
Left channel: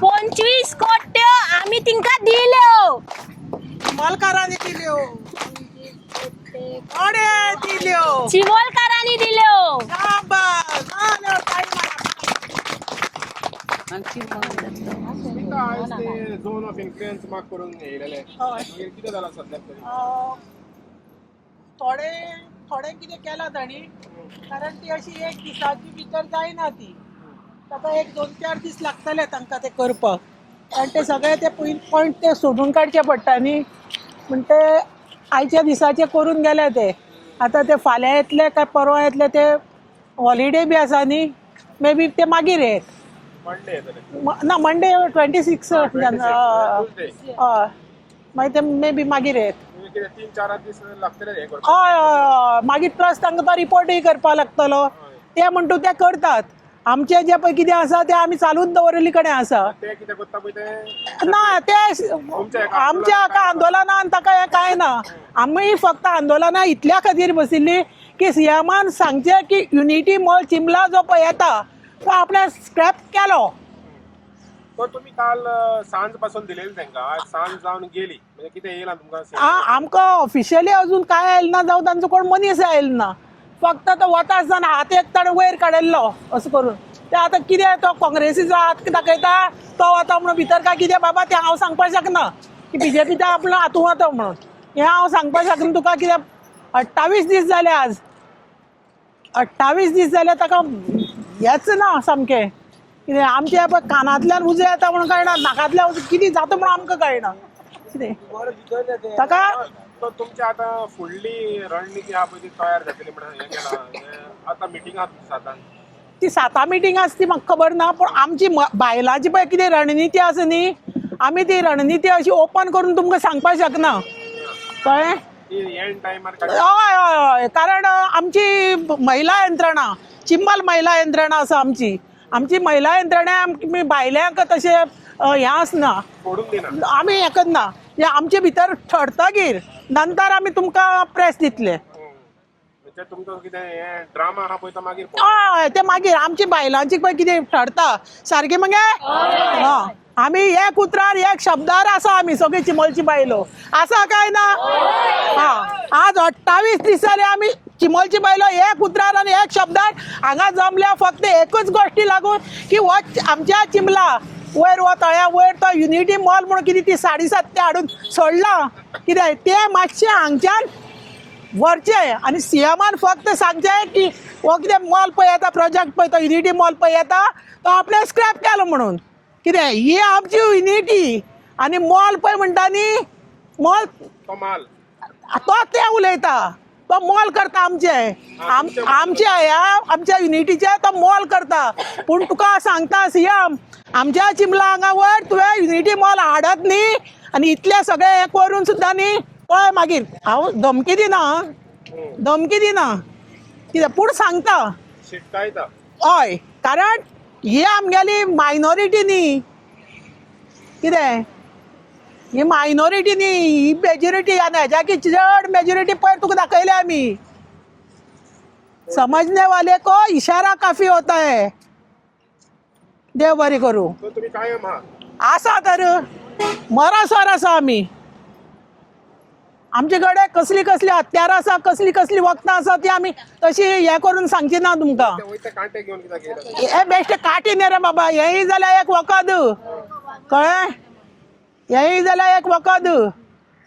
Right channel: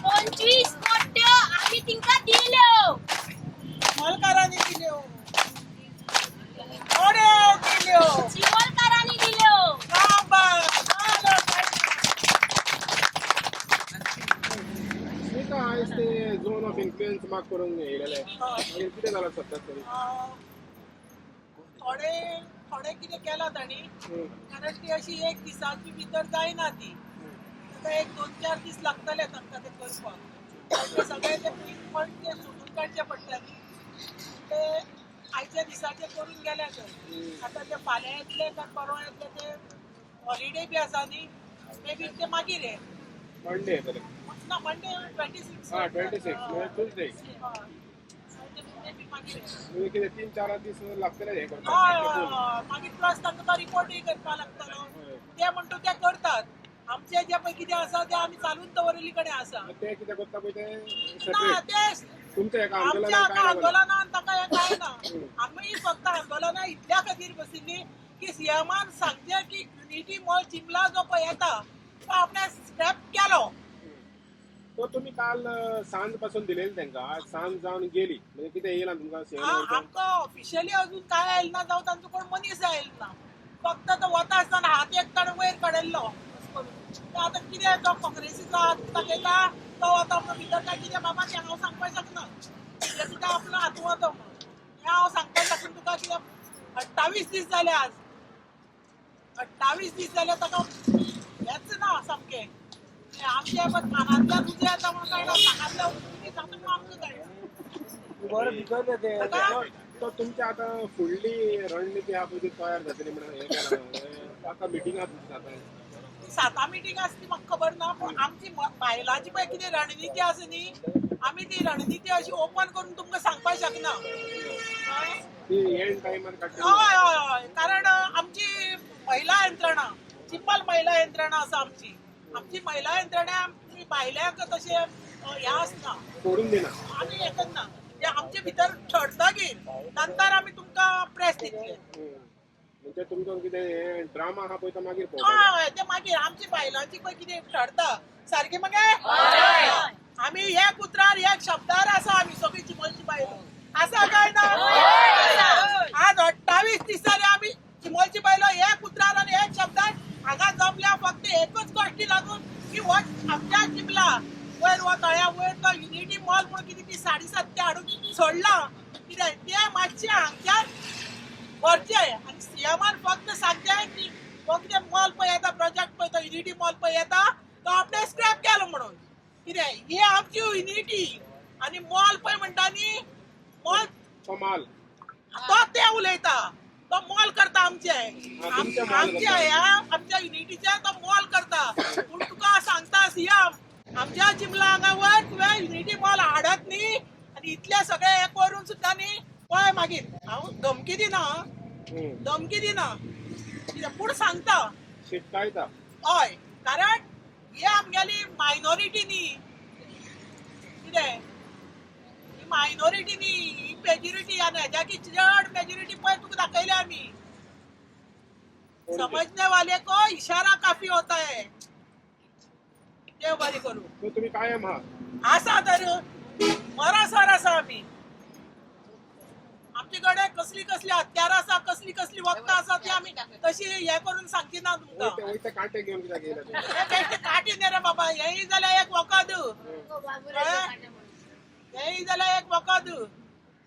25 कोट्यो आम्ही तिंका दिल्यो. मालकारांनी दिल्यो. कोणे दिल्यो. चिवोलकारांनी दिल्यो. झोन ऑफ इन्फ्लुएन्स मार्क करून येयलेले कितें जाला सध्या तरी. थोडे कितें केला ताणी, कारण ती अशी 1 दिसाची भितर जायना ती. ताका 1-2-4 दीस लागतले तांकां ते करपाक. कारण ते सगळे ते पॉयंट ते सोडून काडचे पडटा न्ही. म्हण ते आयच्या दिसाचे करून गेले ते. आतां ते फाल्यां येतले काय परवा येतले ते हॉलिडे बी आसा न्ही. मे बी ते मागीर येत. मंडे येतले. ना मंडे 26 हय मागीर ते मे बी मागीर येत. कितें 3-4 दीस लागतले हे करपाक. हय हय हय. मागीर प्लस तांकां तो रिपोर्टूय करपाक लागतलो. ते म्हणटा ते करतात. आमचे जे पळय कितें आसा तें आमी चालूच दवरलेली कडेन आसा ते कितें करता पळय ते ना ते तुमच्या एका आमच्या एका आंदोलनान ताका हें कांय ना आमी फक्त आंदोलनां इतल्या खातीर बशिल्ली की सीएमान सांगचे की युनिटी मॉल चिंबला जो पळय येता तो आपणे स्क्रॅप केलो. तो तुम्ही काल सांज पासून दिलेली तांकां आज सांज जावन गेली म्हणजे कितें येयला तुमकां आमकां ऑफिशियली अजून काय आयले ना जावं तांचो कोण मनीस आयलो ना फक्त तो वता आसतना हात एक ताणें वयर काडिल्लो असो करून ते आतां कितें तो काँग्रेसीचो हात दाखयता तो वता म्हणून भितर काय कितें बाबा तें हांव सांगपाक शकना की बीजेपीचो आपलो हातूं वता म्हणून हें हांव सांगपाक शकना तुका कितें 28 दीस जाले आज 28 दीस जाले ताका हेच ना सामकें कितें आमच्या पळय कानांतल्यान उजो येता म्हणून कळना नाकांतल्यान कितें जाता म्हणून आमकां कळना कितें ताका तो तुमची आतां फुडली रणनीती आहा पळय ती तयार जातली म्हणून हें केलां आतां मिटिंग आहा सातान ती 7 मिटींग आसा ती म्हाका खबर ना पूण आमची बायलांची पळय कितें रणनीती आसा न्ही आमी ती रणनीती अशी ओपन करून तुमकां सांगपाक शकना कळ्ळें. एंड टायमार हय हय हय कारण आमची महिला यंत्रणा चिंबल महिला यंत्रणा आसा आमची महिला यंत्रणा आमी बायल्यांक तशें हें आसना सोडून दिना आमी हें करना आमचे भितर ठरतगीर नंतर आमी तुमकां प्रेस दितले. म्हणजे तुमचो कितें हें ड्रामा आहा पळय तो मागीर हय ते मागीर आमची बायलांची पळय कितें ठरता सारकें मगे आमी एक उतरार एक शब्दार आसा आमी सगळी चिंबलची बायलो आसा काय ना आज 28 दीस जाले आमी चिंबलची बायलो एक उतरार आनी एक शब्दार हांगा जमल्या फक्त एकूच गोश्टी लागून की हो आमच्या चिंबला वयर वो तळ्या वयर तो युनिटी मॉल म्हणून कितें ती 7.5 ते हाडून सोडला कितें तें मातशें हांगच्यान व्हरचें आनी सीएमान फक्त सांगचें की हो कितें मॉल पळय येता प्रोजेक्ट पळय तो युनिटी मॉल पळय येता तो आपणे स्क्रॅप केलो म्हणून कितें ही आमची युनिटी आनी मॉल पळय म्हणटा न्ही मॉल तो ते उलयता तो मॉल करता आमच्या युनिटीचे तो मॉल करता पूण तुका सांगता सीएम आमच्या चिंबला हांगा वयर तुवें युनिटी मॉल हाडत न्ही आनी इतले सगळे हे करून सुद्दां न्ही पळय मागीर हांव धमकी दिना कितें पूण सांगता शिटकायता हय कारण ही आमगेली मायनॉरिटी न्ही कितें ही मायनॉरिटी न्ही ही मेजॉरिटी आनी हेज्या की चड मेजॉरिटी पळय तुका दाखयले आमी समजने वाले को इशारा काफी होता है. देव बरें करूं. तुम्ही कायम आहा आसा तर मरासवर आसा आमी आमचे कडेन कसली कसली हत्यार आसा कसली वखदां आसा ती आमी तशी हे करून सांगची ना तुमकां कांटे घेवन हे बेश्टे काटी न्ही रे बाबा हेय जाल्यार एक वखद कळ्ळें हेय जाल्यार एक वखद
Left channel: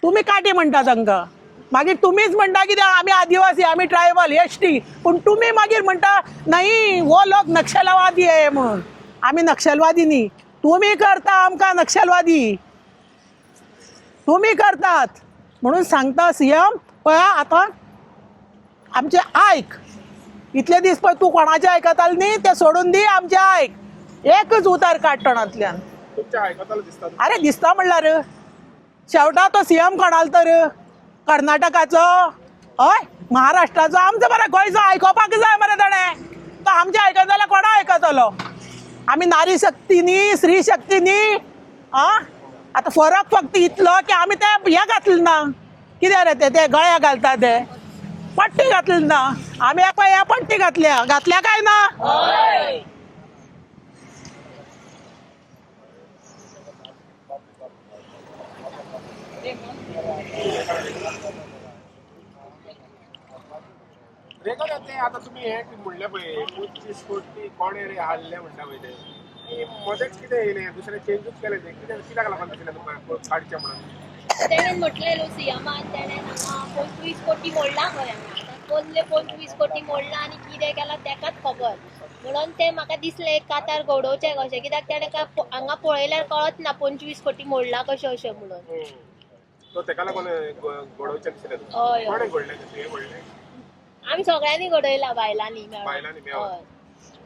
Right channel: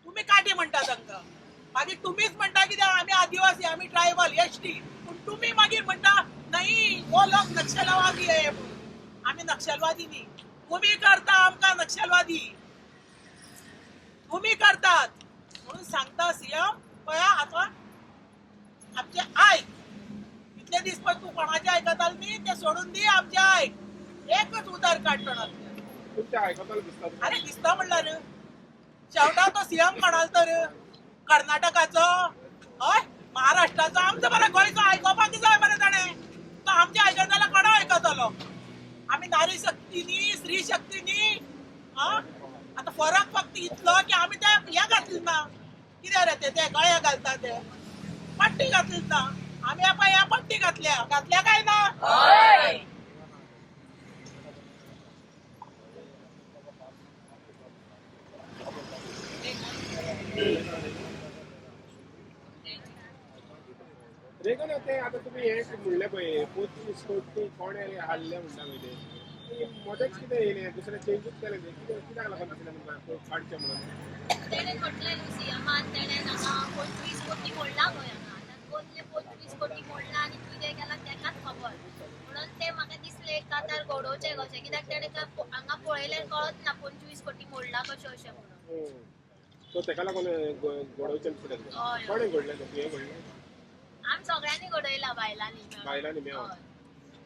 तुमी काटी म्हणटा तांकां मागीर तुमीच म्हणटा कितें आमी आदिवासी आमी ट्रायबल एसटी पूण तुमी मागीर म्हणटा नाही हो लोक नक्षलवादी आहे म्हणून आमी नक्षलवादी न्ही तुमी करता आमकां नक्षलवादी तुमी करतात म्हणून सांगता सीएम पळय आतां आमचे आयक इतले दीस पळय तूं कोणाचें आयकतालें न्ही तें सोडून दी आमचें आयक एकच उतार काड तोंडांतल्यान अरे दिसता म्हणल्यार शेवटा तो सीएम कोणालो तर कर्नाटकाचो हय महाराष्ट्राचो आमचो मरे गोंयचो आयकोपाक जाय मरे ताणें तो आमचें आयकता जाल्यार कोणा आयकतलो आमी नारी शक्ती न्ही स्त्री शक्ती न्ही आतां फरक फक्त इतलो की आमी ते हे घातलें ना कितें रे ते गळ्या घालता ते पट्टी घातली ना आमी पळय ह्या पट्टी घातल्या काय ना रेगुलर ते आता तुम्ही हे म्हणले पळय 25 कोटी कोणे रे हाडले म्हणटा पळय ते मध्येच कितें येयले दुसरे चेंजूच केले ते कित्याक लागून दिसलें तुमकां काडचें म्हणून तेणेन म्हटलेलो सीएमान तेणेन हांगा 25 कोटी मोडला गोंयांत पयले 25 कोटी मोडला आनी कितें केलां तेकाच खबर म्हणून ते म्हाका दिसलें कातार घडोवचें कशें कित्याक तेणें हांगा पळयल्यार कळत ना 25 कोटी मोडला कशें अशें म्हणून सो तेका लागून घडोवचें दिसलें कोणे घडलें हे व्हडलें आमी सगळ्यांनी घडयला बायलांनी मेळोन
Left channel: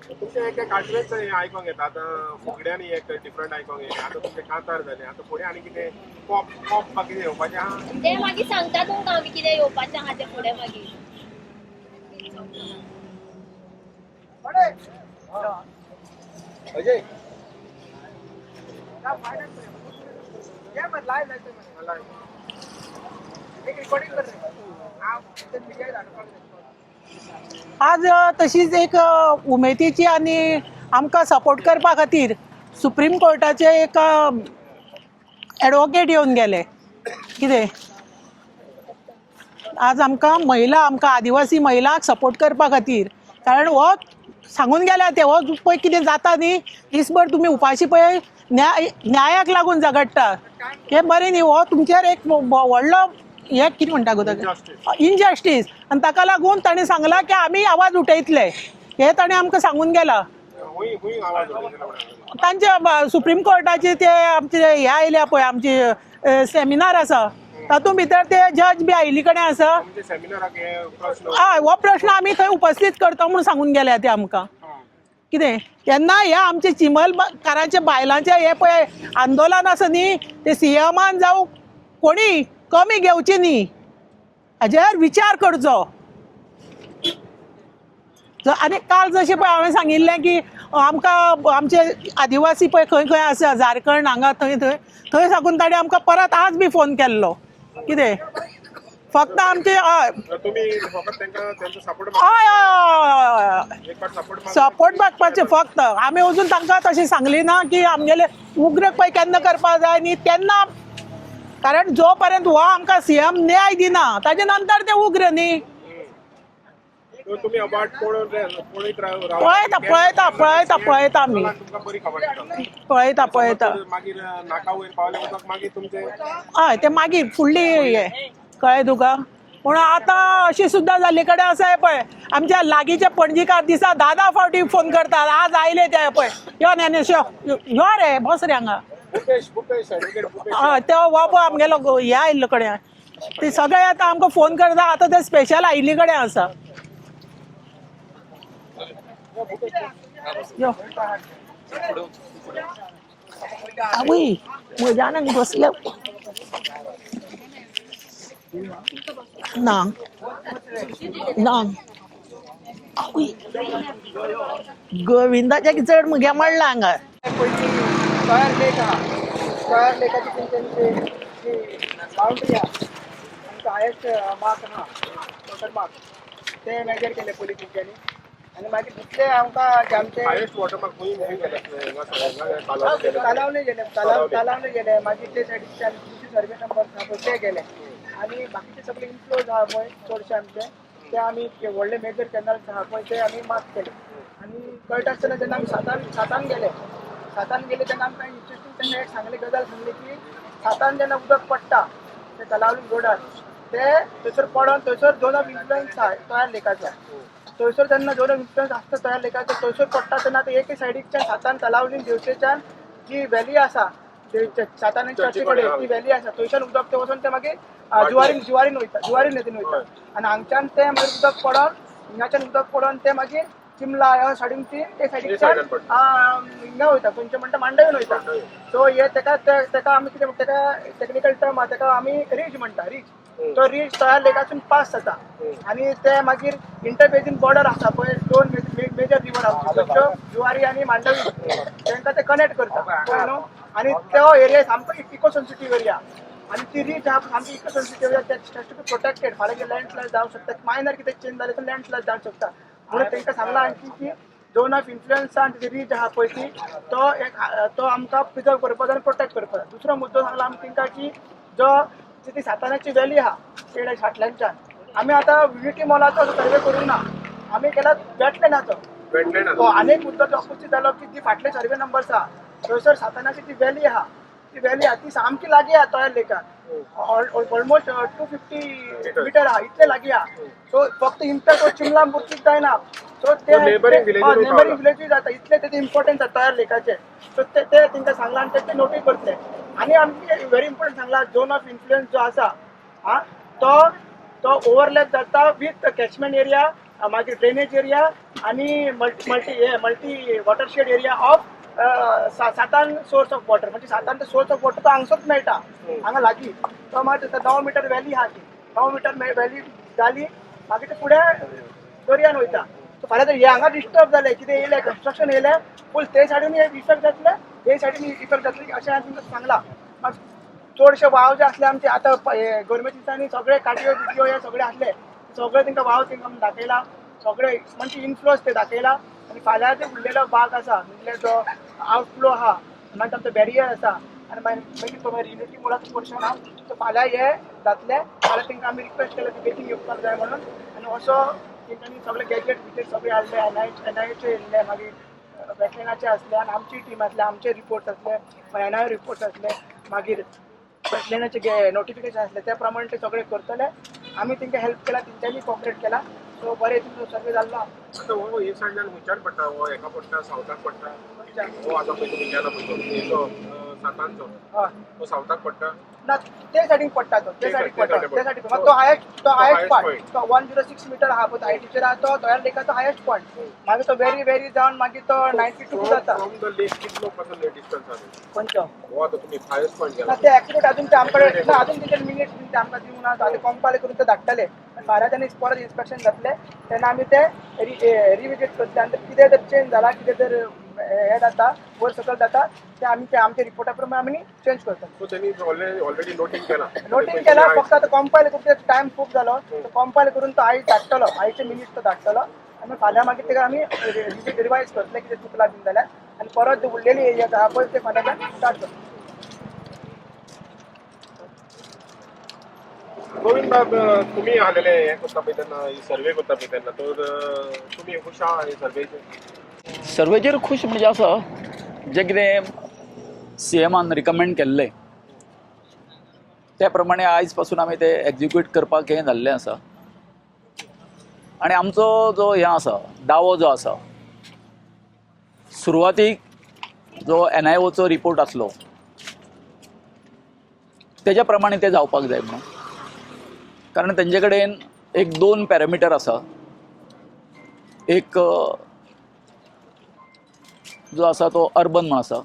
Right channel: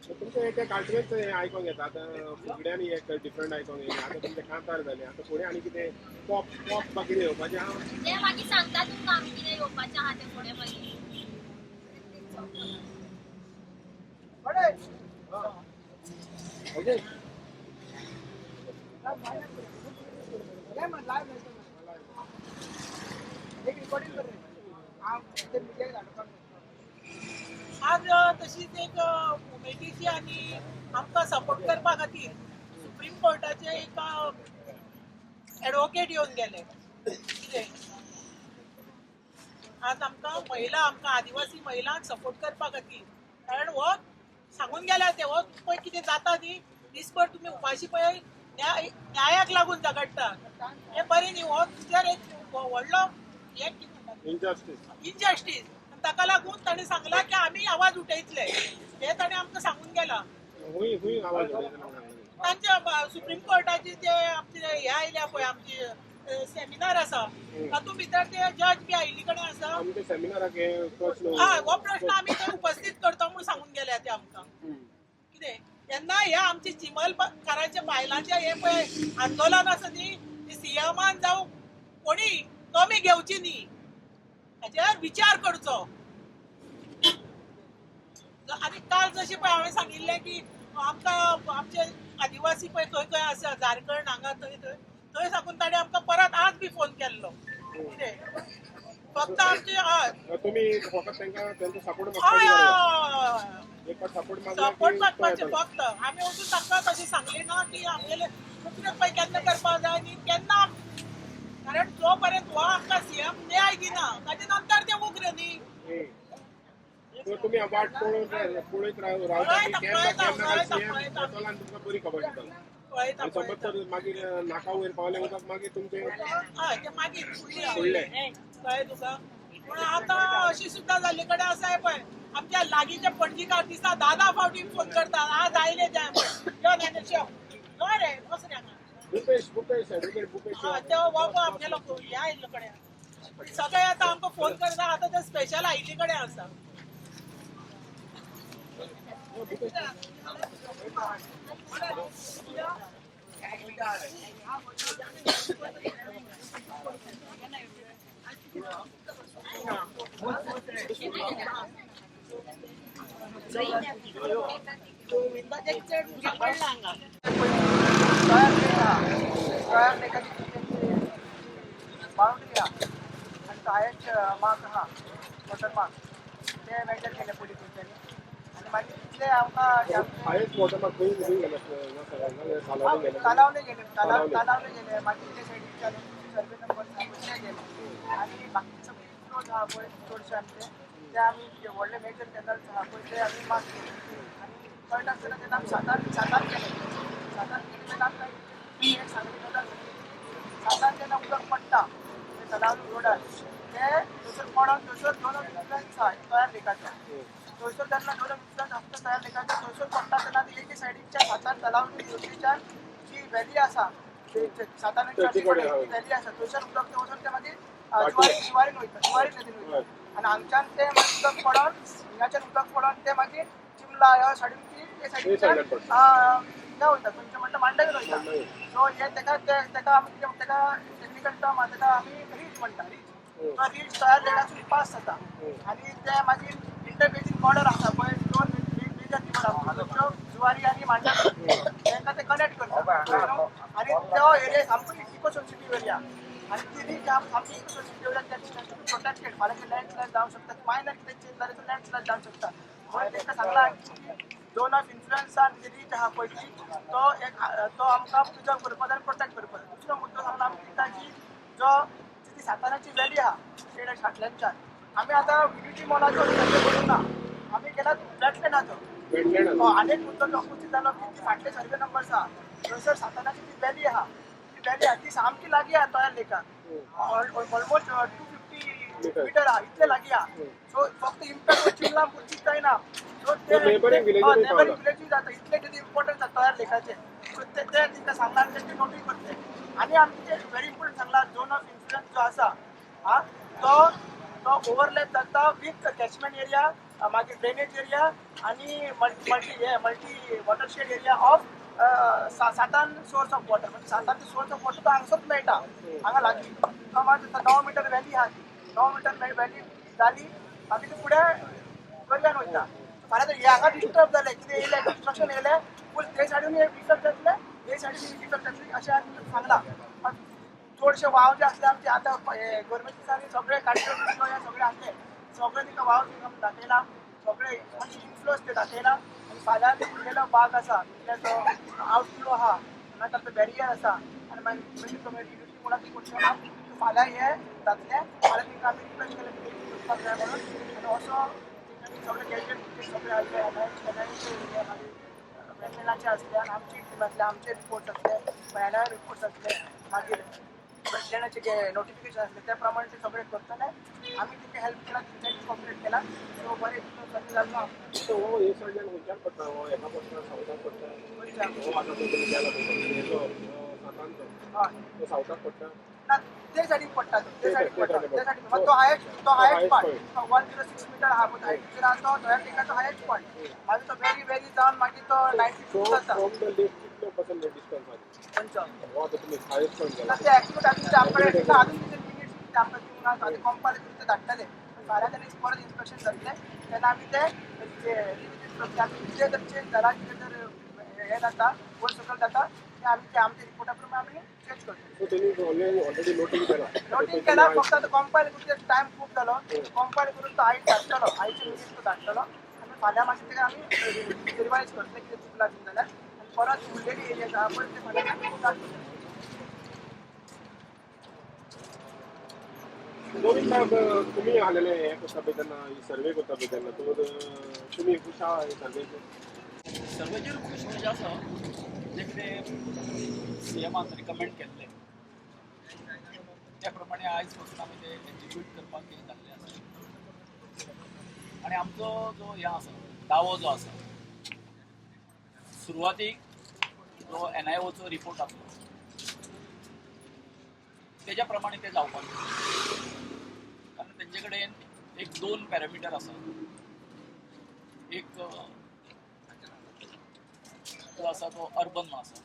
तुमचे एक काटवेच आयकोंक येता आतां फुगड्यांनी एक डिफरंट आयकोंक येयलें आतां तुमचे कांतार जालें आतां फुडें आनी कितें पॉप बाकी कितें येवपाचें आहा ते मागीर सांगता तुमकां आमी कितें येवपाचें आहा तें फुडें मागीर अजय आज तशीच एक उमेदीची आनी आमकां सपोर्ट करपा खातीर सुप्रीम कोर्टाचे एक एडवोकेट येवन गेले. कितें आज आमकां आदिवासी महिलांक सपोर्ट करपा खातीर, कारण हो सांगून गेल्या ते हो पळय कितें जाता न्ही, दिसभर तुमी उपाशी पळय न्यायाक लागून झगडटा, हें बरें न्ही. हो तुमचेर एक व्हडलो हे कितें म्हणटा गो ताका, इनजस्टीस, आनी ताका लागून ताणें सांगलां की आमी आवाज उठयतले. हे ताणें आमकां सांगून गेला. तांचे सुप्रीम कोर्टाचे ते आमचे हे आयल्या पळय, आमची सेमिनार आसा, तातूंत भितर ते जज बी आयिल्ले कडेन आसा. हय, हो प्रश्न आमी थंय उपस्थित करता म्हणून सांगून गेल्या ते आमकां. कितें तेन्ना हे आमचे चिमलकारांचे बायलांचे हे पळय आंदोलन आसा न्ही, ते सीएमान जावं कोणी कमी घेवची न्ही, हाजेर विचार करचो. आनी काल जशें पळय हांवें सांगिल्लें की आमकां आमचे आदिवासी पळय खंय खंय आसा, झारखंड हांगा थंय साकून ताणें आमकां परत आज बी फोन केल्लो. कितें फक्त आमचे हय सपोर्ट मागपाचे फक्त. आमी अजून तांकां तशें सांगली ना की आमगेले उग्र पळय केन्ना करपा जाय न्ही तेन्ना, कारण जो पर्यंत हो आमकां सीएम न्याय दिना ताजे नंतर ते उग्र न्ही. पळयता आमी पळयता हय ते मागीर फुडली हे कळ्ळें तुका. पूण आतां अशी सुद्दां जाल्ले कडेन आसा पळय, आमच्या लागींचे पणजीकार दिसा 10 फावटी फोन करतात. आज आयले ते पळय, यो ज्ञानेश यो रे, बस रे हांगा. हय ते हो पळय आमगेलो हे आयिल्लो कडेन, ते सगळे आतां आमकां फोन करता. आतां ते स्पेशल आयिल्ले कडेन आसा. यो आवय म्हज्यान बसले ना ना आवय गोविंदाच्या चड मुगे म्हणला हांगा. स्क्वायर लेकाची तेंची बाउंड्री आहा आनी हायेस्ट मार्क आहा वॉटर मार्क ते मेजर केले पोलीस तेंच्यांनी. आनी मागीर दुसरे आमकां आमचे तालावले गेले मागीर ते सायडीच्यान दुसरे सर्वे नंबर आहा पळय ते गेले. आनी बाकीचे सगळे इन्फ्लोज आहा पळय चडशे आमचे ते आमी व्हडले मेजर कॅनल्स आहा पळय ते आमी मार्क केले. आनी कळटा आसतना जेन्ना आमी सातान गेले तेन्ना आमकां इंट्रस्टींग तेन्ना एक सांगली गजाल सांगली की सातान जेन्ना उदक पडटा ते तलावली रोडार ते थंयसर पडोन थंयसर झोन ऑफ इन्फ्लुएन्स आहा तयार लेकाचो. थंयसर जेन्ना झोन ऑफ इन्फ्लुएन्स आसता तयार लेकाचो थंयसर पडटा तेन्ना ते एके सायडीच्यान सातान तलावली देवतेच्यान जी व्हॅली आसा सातान चर्ची कडेन ती व्हॅली आसा थंयच्यान उदक ते वचोन ते मागीर जुवारीन नदीन वयता. आनी हांगच्यान ते मागीर उदक पडोन हिंगाच्यान उदक पडोन ते मागीर चिमला ह्या सायडीन ते सायडीच्यान हिंगा वयता खंयचे म्हणटा मांडवीन वयता. सो हे तेका आमी कितें तेका टेक्निकल टर्म आहा तेका आमी रीज म्हणटा. तो रीज तयार लेकासून पास जाता आनी ते मागीर इंटरबेसीन बॉर्डर आसा पळय दोन मेजर रिवर आसा जुवारी आनी मांडवी तांकां ते कनेक्ट करता. आनी तो एरिया सामको इको सेन्सिटीव एरिया आनी ती रीज आहा सामकी इको सेन्सिटीव एरिया ते प्रोटेक्टेड. फाल्यां लँडस्लायड जावंक शकता, मायनर कितें चेंज जालें तर लँडस्लायड जावंक शकता. म्हणून तांकां सांगलां आणखी की झोन ऑफ इन्फ्लुएन्सान ती रीज आहा पळय ती तो आमकां प्रिजर्व करपाक जाय आनी प्रोटेक्ट करपाक जाय. दुसरो मुद्दो सांगला आमी तांकां की ती सातानाची व्हॅली आहा पेड फाटल्यानच्यान आमी आतां विटी मॉलाचो सर्वे करूंक ना, आमी केला वेटलँडाचो. आनी एक मुद्दो तो उपस्थित जालो की ती फाटले सर्वे नंबर्स आहा थंयसर सातानाची ती व्हॅली आहा ती सामकी लागीं आहा तयार लेकाक. ऑलमोस्ट 250 मीटर आहा इतले लागीं आहा. सो फक्त इम्पॅक्ट चिमला मुर्तीच जायना. सो ते नेबरिंग विलेजीस जाता इतले तेजे इम्पॉर्टन्स आहा तयार लेकाचे. सो ते तांकां सांगला आनी ते नोटीस करतले. आनी आमचे व्हेरी इम्पॉर्टंट सांगला झोन ऑफ इन्फ्लुएन्स जो आसा तो ओवरलॅप जाता विथ कॅचमेंट एरिया मागीर ड्रेनेज एरिया आनी मल्टी वॉटरशेड एरिया ऑफ सातान सोर्स ऑफ वॉटर. म्हणजे सातान सोर्स ऑफ वॉटर तो हांगसोच मेळटा हांगा लागीं. तो मागीर 9 मीटर व्हॅली आहा ती 9 मीटर व्हॅली जाली मागीर ते फुडें दर्यान वयता. फाल्यां जर हे हांगा डिस्टर्ब जालें कितें येयलें कंस्ट्रक्शन येयलें फूल ते सायडीन इफेक्ट जातले हे सायडीन इफेक्ट जातले अशें हांवें तुमकां सांगलां चडशे वाव जे आसले आमचे आतां गव्हर्मेंट दिसांनी सगळे काट्यो बिट्यो हे सगळे आसले सगळे तांकां वाव तांकां दाखयला सगळे म्हणजे इन्फ्लोज ते दाखयला आनी फाल्यां ते उरलेलो भाग आसा म्हणजे जो आवटफ्लो आहा मागीर आमचो बॅरियर आसा आनी मागीर युनिटी मोडाचो पोर्शन आहा सो फाल्यां हे जातले फाल्यां तांकां आमी रिक्वेस्ट केला की बेगीन येवपाक जाय म्हणून आनी असो तेंच्यांनी सगळे गॅजेट बिजेट सगळे हाडले एनआयचे येयले मागीर वेटलँडाचे आसले आनी आमची टीम आसले आमचे रिपोर्ट आसले एनआय रिपोर्ट आसले मागीर वेटलँडाचे नोटिफिकेशन आसले त्या प्रमाणे ते सगळे करतले आमी तांकां हेल्प केला तेंच्यांनी कॉपरेट केला सो बरें तुमचो सर्वे जाल्लो आतां हो एक सायडल्यान खंयच्यान पडटा हो एका पडटा सावथाक पडटा हो आतां पळय तुमी गेला पळय तो सातांचो तो सावथाक पडटा ना ते सायडीन पडटा तो ते सायडीन पडटा ते सायडीन तो हायस्ट पॉयंट तो 106 मीटर आहा पळय हायटीचेर आहा तो तयार लेकाचो हायस्ट पॉयंट मागीर तो वेरी जावन मागीर तो 92 जाता फ्रॉम द लेक कितलो पर्सेंट डिस्टन्स आहा खंयचो हो आतां तुमी हायस्ट पॉयंट गेला ते एक्युरेट अजून ते आमकडे अजून तेंचे मिनिट्स ते आमकां दिवंक ना ते कंपायल करून ते धाडटले फाल्यां त्यांनी परत इन्स्पेक्शन जातले तेन्ना आमी ते रिविजिट करतले आनी कितें जर चेंज जाला कितें जर हे जाता वर सकयल जाता ते आमी ते आमच्या रिपोर्टा प्रमाणे आमी चेंज करता सो त्यांनी ऑलरेडी नोटींग केला फक्त आता कंपायल करून टायम खूप झालो कंपायल करून तो आयज धाडटलो आयचे मिनिट तो धाडटलो आनी फाल्यां मागीर तेका आमी रिवायज करतले कितें चुकला बी जाल्यार आनी परत उरलेली एरिया आहा पळय ते फाल्यां स्टार्ट करतले गोविंद बाब तुम्ही आलेले हे करता पळय तेन्ना सर्वे करता पळय तेन्ना तर तुमी खुश आहा हे सर्वेचेर सर्वेचेर खूश म्हणजे असं जे कितें CMन रिकमेंड केल्लें त्या प्रमाणे आयज पासून आमी ते एक्झिक्यूट करपाक हें जाल्लें आसा आनी आमचो जो हें आसा दावो जो आसा सुरवातीक जो NIOचो रिपोर्ट आसलो तेज्या प्रमाणे ते जावपाक जाय म्हणून कारण तेंचे कडेन एक 2 पॅरामिटर आसा एक जो आसा तो अर्बन म्हणून आसा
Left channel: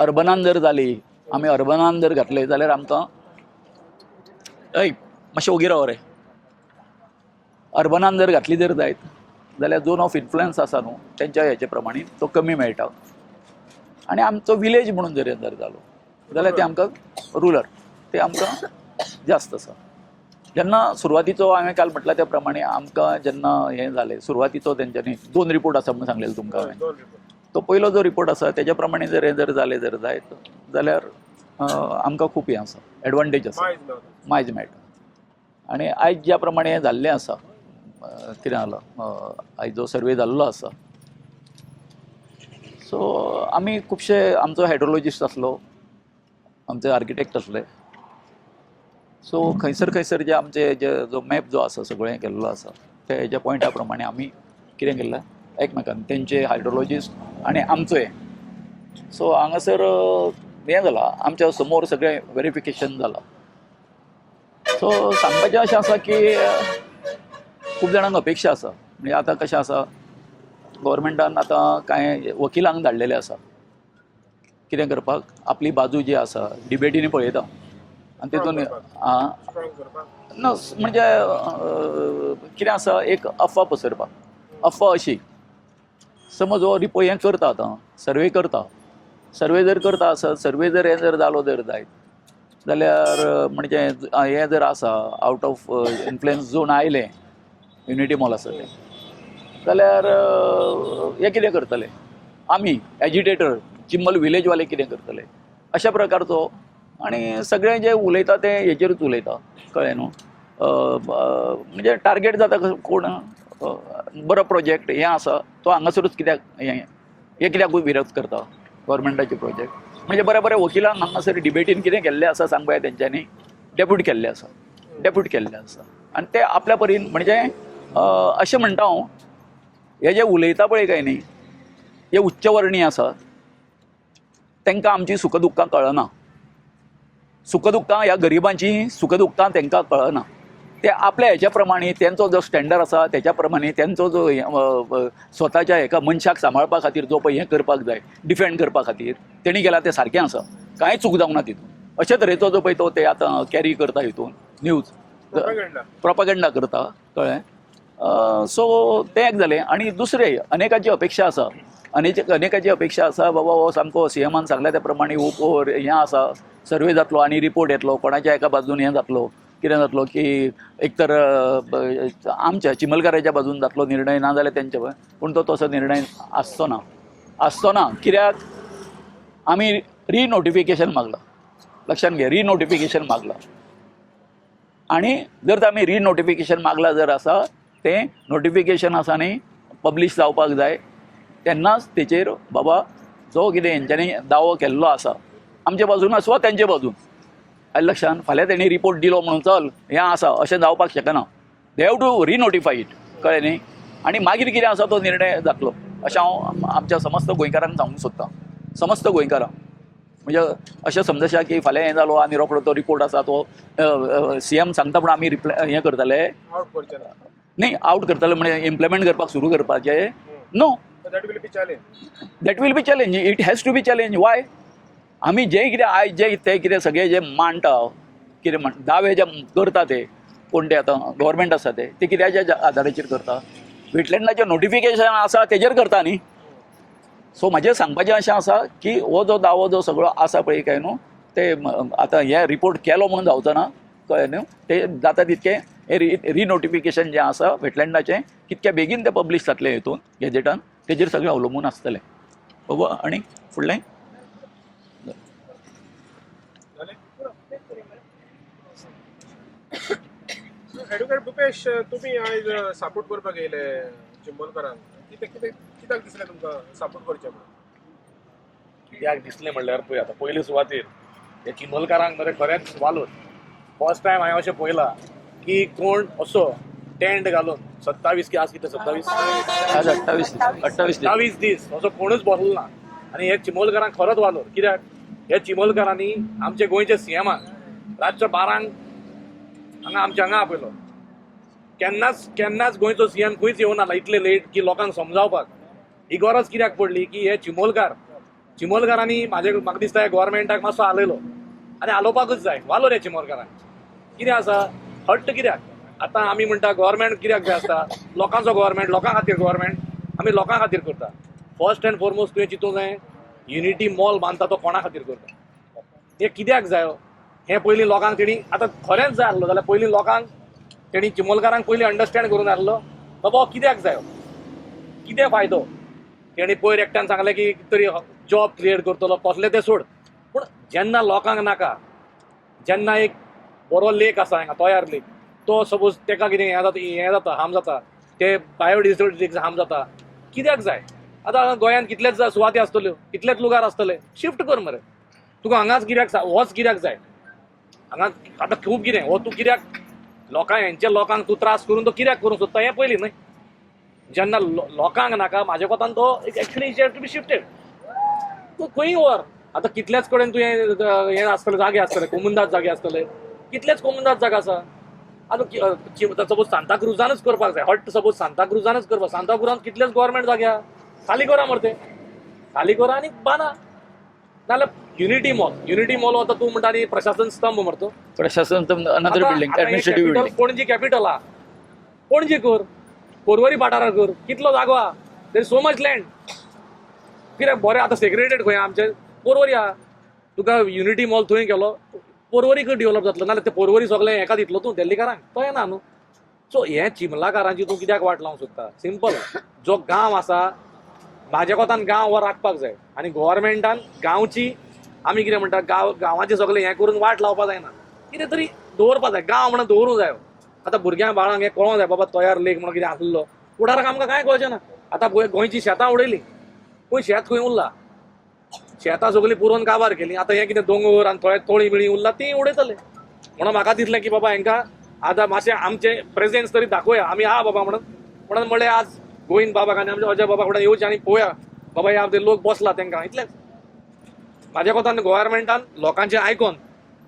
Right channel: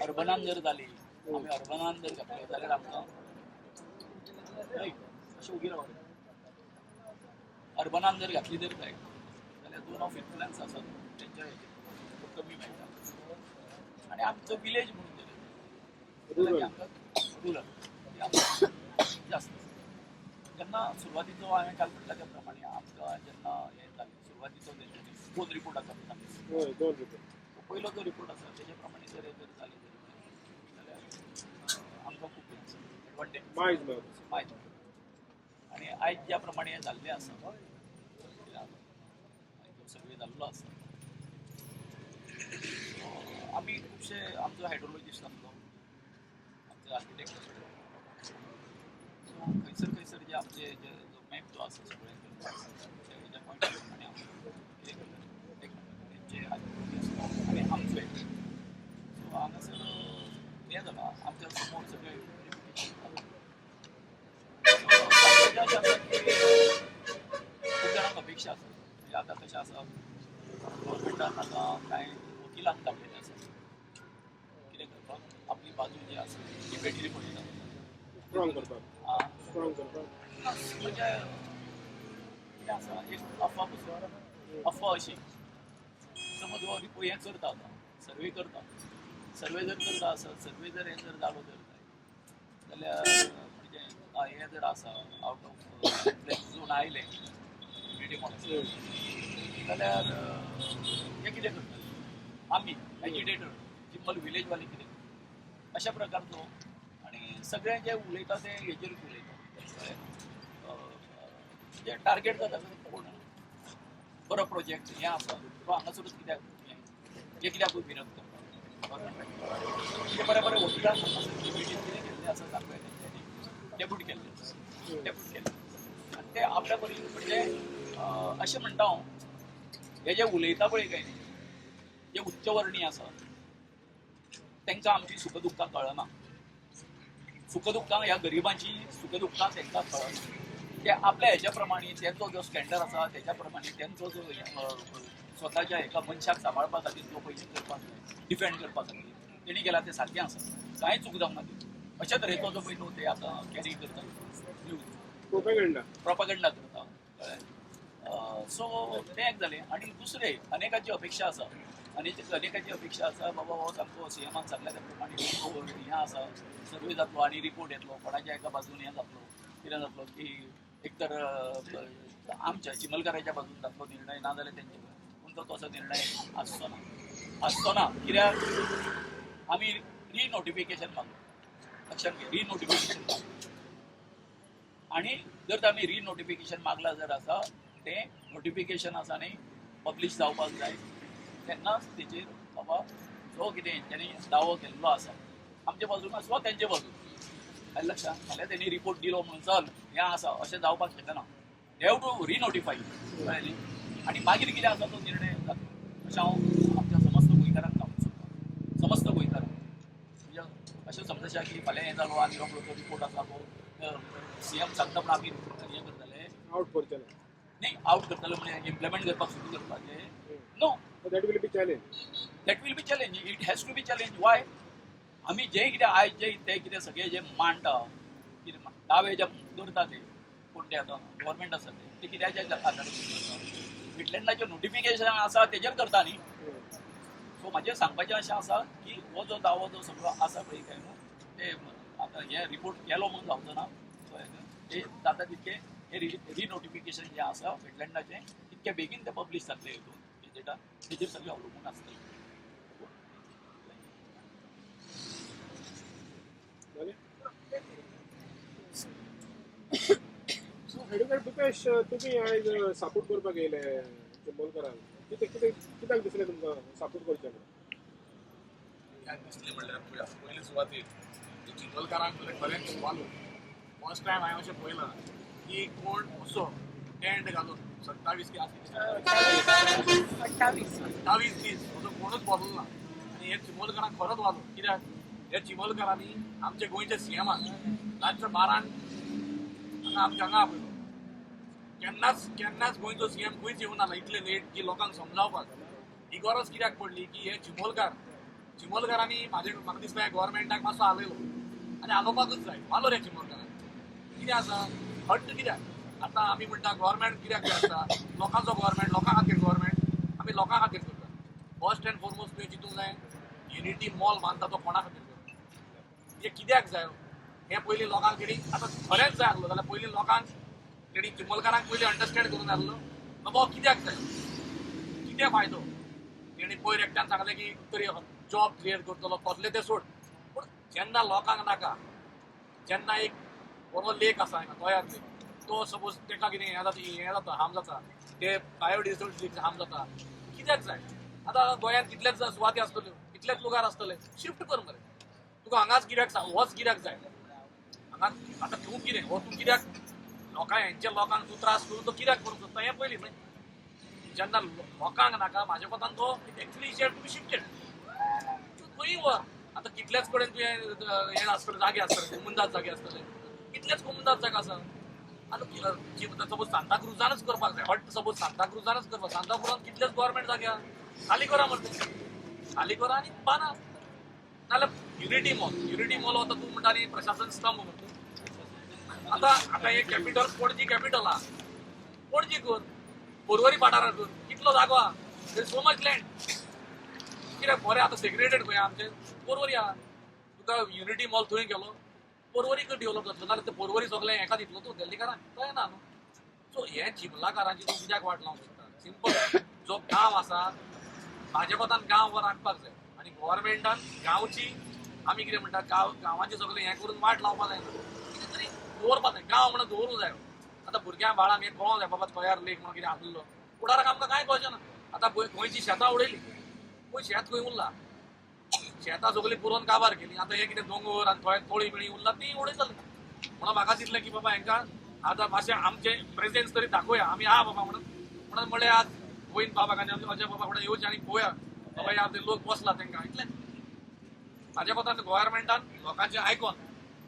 अर्बनान जर जाली आमी अर्बनान जर घातले जाल्यार आमकां मातशें ओगी राव रे अर्बनान जर घातली जर जायत जाल्यार झोन ऑफ इन्फ्लुएन्स आसा न्हू तेंच्या हेचे प्रमाणे तो कमी मेळटा आनी आमचो विलेज म्हणून जर जालो जाल्यार ते आमकां रुरल ते आमकां जास्त आसा जेन्ना सुरवातीचो हांवें काल म्हटला त्या प्रमाणे आमकां जेन्ना हें जालें सुरवातीचो तेंच्यांनी 2 रिपोर्ट आसा म्हणून सांगलेलें तुमकां हांवें तो पयलो जो रिपोर्ट आसा तेज्या प्रमाणे जर हें जर जालें जर जायत जाल्यार आमकां खूब हें आसा एडवांटेज आसा मायज मेळटा आनी आयज ज्या प्रमाणे हें जाल्लें आसा कितें जालां आयज जो सर्वे जाल्लो आसा सो आमी खुबशे आमचो हायड्रोलॉजिस्ट आसलो आमचे आर्किटेक्ट आसले सो खंयसर जे आमचे जो मॅप जो आसा सगळें केल्लो आसा ते हेज्या पॉयंटा प्रमाणे आमी कितें केलां एकमेकान तेंचे हायड्रोलॉजिस्ट आनी आमचो हें सो हांगासर हें जालां आमच्या समोर सगळें वेरिफिकेशन जालां सो सांगपाचें अशें आसा की खूब जाणांक अपेक्षा आसा म्हणजे आतां कशें आसा गव्हर्मेंटान आतां कांय वकिलांक धाडलेले आसा कितें करपाक आपली बाजू जी आसा डिबेटीनी पळयता आनी तेतून ना म्हणजे कितें आसा एक अफवा पसरपाक अफवा अशी समज हो रिपोर्ट हें करता आतां सर्वे करता सर्वे जर करता आसत सर्वे जर हें जर जालो जर जायत जाल्यार म्हणजे हें जर आसा आवट ऑफ इन्फ्लुएन्स झोन आयलें युनिटी मॉल आसा तें जाल्यार हे कितें करतले आमी एजिटेटर चिंबल विलेजवाले कितें करतले अशा प्रकारचो आनी सगळें जें उलयता तें हेचेरूच उलयता कळ्ळें न्हू म्हणजे टार्गेट जाता कोण बरो प्रोजेक्ट हें आसा तो हांगासरूच कित्याक हें कित्याकूय विरोध करता गव्हर्मेंटाचे प्रोजेक्ट म्हणजे बरे वकिलांक हांगासर डिबेटीन कितें केल्लें आसा सांग पळय तेंच्यांनी डेप्यूट केल्लें आसा आनी ते आपल्या परीन म्हणजे अशें म्हणटा हांव हे जे उलयता पळय काय न्ही हे उच्चवर्णीय आसा तांकां आमची सुखदुख्खां कळना सुखदुख्खां ह्या गरिबांची सुखदुख्खां तांकां कळना ते आपल्या हेच्या प्रमाणे तेंचो जो स्टँडर्ड आसा तेच्या प्रमाणे तेंचो जो स्वताच्या एका मनशाक सांबाळपा खातीर जो पळय हें करपाक जाय डिफेंड करपा खातीर तेणी केला तें सारकें आसा कांय चूक जावंक ना तितून अशे तरेचो जो पळय तो ते आतां कॅरी करता हितून न्यूज प्रोपागंडा करता कळ्ळें सो तें एक जालें. आनी दुसरें अनेकांची अपेक्षा आसा, अनेकांची अपेक्षा आसा बाबा हो सामको सीएमान सांगल्या त्या प्रमाणे हें आसा, सर्वे जातलो आनी रिपोर्ट येतलो, कोणाच्या एका बाजून हें जातलो, कितें जातलो की एक तर आमच्या चिमलकाराच्या बाजून जातलो निर्णय, ना जाल्यार तेंच्या, पूण तो तसो निर्णय आसचो ना. कित्याक आमी रिनोटिफिकेशन मागलां, लक्षात घे, रिनोटिफिकेशन मागलां. आनी जर आमी रिनोटिफिकेशन मागलां जर आसा, तें नोटिफिकेशन आसा न्ही पब्लीश जावपाक जाय, तेन्नाच तेचेर बाबा जो कितें हेंच्यांनी दावो केल्लो आसा आमचे बाजून आसूं वा तेंचे बाजून, आयले लक्षांत, फाल्यां तेणी रिपोर्ट दिलो म्हणून चल हें आसा अशें जावपाक शकना. दे हॅव टू रिनोटिफाय इट, कळ्ळें न्ही. आनी मागीर कितें आसा तो निर्णय जातलो अशें हांव आमच्या समस्त गोंयकारांक सांगूंक सोदतां, समस्त गोंयकारांक. म्हणजे अशें समजशा की फाल्यां हें जालो आनी रोखडो तो रिपोर्ट आसा तो सीएम सांगता पूण आमी हें करतले आउट करचे ना. न्ही, आउट करतले म्हणजे इम्प्लिमेंट करपाक सुरू करपाचें. No, that will be challenge. That will be challenge. It has to be challenge. Why? आमी जें कितें आयज जें कितें सगळें जें मांडटा, कितें दावे जे करता ते कोण ते आतां गव्हर्मेंट आसा ते कित्याच्या आदाराचेर करता? वेटलँडाचें नोटिफिकेशन आसा तेजेर करता न्ही. सो म्हाजें सांगपाचें अशें आसा की हो जो दावो जो सगळो आसा पळय काय न्हू, ते आतां हे रिपोर्ट केलो म्हणून जावचो ना, कळ्ळें न्हू. ते जाता तितकें हे रिनोटिफिकेशन जें आसा वेटलँडाचें कितके बेगीन तें पब्लीश जातलें हितून गॅजेटान, तेजेर सगळें अवलंबून आसतलें. बाबा आनी फुडलें एडवोकेट भुपेश, तुम्ही आयज सपोर्ट करपाक येयले चिंबोलकरांक, कित्याक दिसलें तुमकां सपोर्ट करचें म्हणून? कित्याक दिसलें म्हणल्यार पळय आतां पयले सुवातेर हे चिंबोलकारांक मरे खरेंच वालोर. फर्स्ट टायम हांवें अशें पळयलां की कोण असो टेंट घालून 27 की आज कितें 28 दीस असो कोणूच बसलो ना. आनी हे चिंबोलकारांक खरोच वालोर. कित्याक हे चिंबोलकारांनी आमचे गोंयच्या सीएमान रातच्या 12 हांगा आमच्या हांगा आपयलो. केन्नाच गोंयचो सीएम खंयच येवना इतले लेट की लोकांक समजावपाक. ही गरज कित्याक पडली की हे चिंबोलकारांनी म्हाका दिसता हे गोवोरमेंटाक मातसो आलयलो आनी आलोवपाकूच जाय. वालोर हे चिंबोलकारांक. कितें आसा हट्ट कित्याक? आतां आमी म्हणटा गोवोरमेंट कित्याक जाय आसता? लोकांचो गोवोरमेंट, लोकां खातीर गोवोरमेंट, आमी लोकां खातीर करता. फर्स्ट एंड फॉरमोस्ट तुवें चिंतूंक जाय युनिटी मॉल बांदता तो कोणा खातीर करता? हे कित्याक जायो? हे पयलीं लोकांक तेणी आतां खरेंच जाय आसलो जाल्यार पयलीं लोकांक तेणी चिंबोलकारांक पयलीं अंडरस्टँड करून आसलो बाबा कित्याक जायो, कितें फायदो. तेणी पयर एकट्यान सांगलें की तरी जॉब क्रिएट करतलो, कसलें तें सोड. पूण जेन्ना लोकांक नाका, जेन्ना एक बरो लेक आसा हांगा तयार लेक, तो सपोज तेका कितें हें जाता हार्म जाता, ते बायोडिवर्सिटी हार्म जाता, कित्याक जाय? आतां गोंयांत कितलेच सुवाती आसतल्यो, कितलेच लुगार आसतले, शिफ्ट कर मरे. तुका हांगाच कित्याक होच कित्याक जाय? हांगा आतां खूब कितें हो तूं कित्याक लोकांक तूं त्रास करून तो कित्याक करूंक सोदता हें पयलीं न्हय. जेन्ना लोकांक नाका म्हाज्या कोतान तो actually it to be shifted. तूं खंयी व्हर. आतां कितलेच कडेन तुवें हें आसतलें जागे आसतले, कोमुंदाज जागे आसतले, कितलेच कोमुंदाज जागा आसा. आतां सपोज सांताक्रुजानूच करपाक जाय, हट्ट सपोज सांताक्रुजानूच करपाक, सांताक्रुजान कितलेच गव्हर्मेंट जाग्या खाली करा मरे, खाली करा आनी बांदा. नाल्यार युनिटी मॉल आतां तूं म्हणटा न्ही प्रशासन स्तंभ मरतो, प्रशासन another building, administrative building. Panaji capital आहा, पणजी कर, पर्वरी वाठारार कर, कितलो जागो आहा, देर सो मच लँड. कित्याक बरें आतां सेग्रेटेड खंय आमचे पर्वरी आहा. तुका युनिटी मॉल थंय केलो पर्वरीक डेव्हलप जातलो, नाल्यार ते पर्वरी सगळें हेका दितलो तूं दिल्लीकारांक, तो येना न्हू. सो हे चिमलाकारांची तूं कित्याक वाट लावंक सोदता? सिंपल. जो गांव आसा म्हाज्या कोतान गांव हो राखपाक जाय आनी गव्हर्मेंटान गांवची आमी कितें म्हणटा गांवाचें सगळें हें करून वाट लावपाक जायना, कितें तरी दवरपाक जाय. गांव म्हणून दवरूंक जायो. आतां भुरग्यांक बाळांक हें कळोंक जाय बाबा तयार लेक म्हणून कितें आसलो. फुडाराक आमकां कांय कळचें ना. आतां गोंयची शेतां उडयलीं, पळय शेत खंय उरलां, शेतां सगळीं पुरोवन काबार केलीं. आतां हें कितें दोंगर आनी थोडे तोळी बिळी उरला तीं उडयतले. म्हणून म्हाका दिसलें की बाबा हांकां आतां मातशें आमचें प्रेजेन्स तरी दाखोवया आमी आहा बाबा म्हणून म्हणलें आज गोविंद बाबाक आनी आमच्या अजय बाबा फुडें येवचें आनी पळोवया बाबा ह्या ते लोक बसला तांकां इतलेंच. म्हाज्या कोतान गोवोरमेंटान लोकांचें आयकोन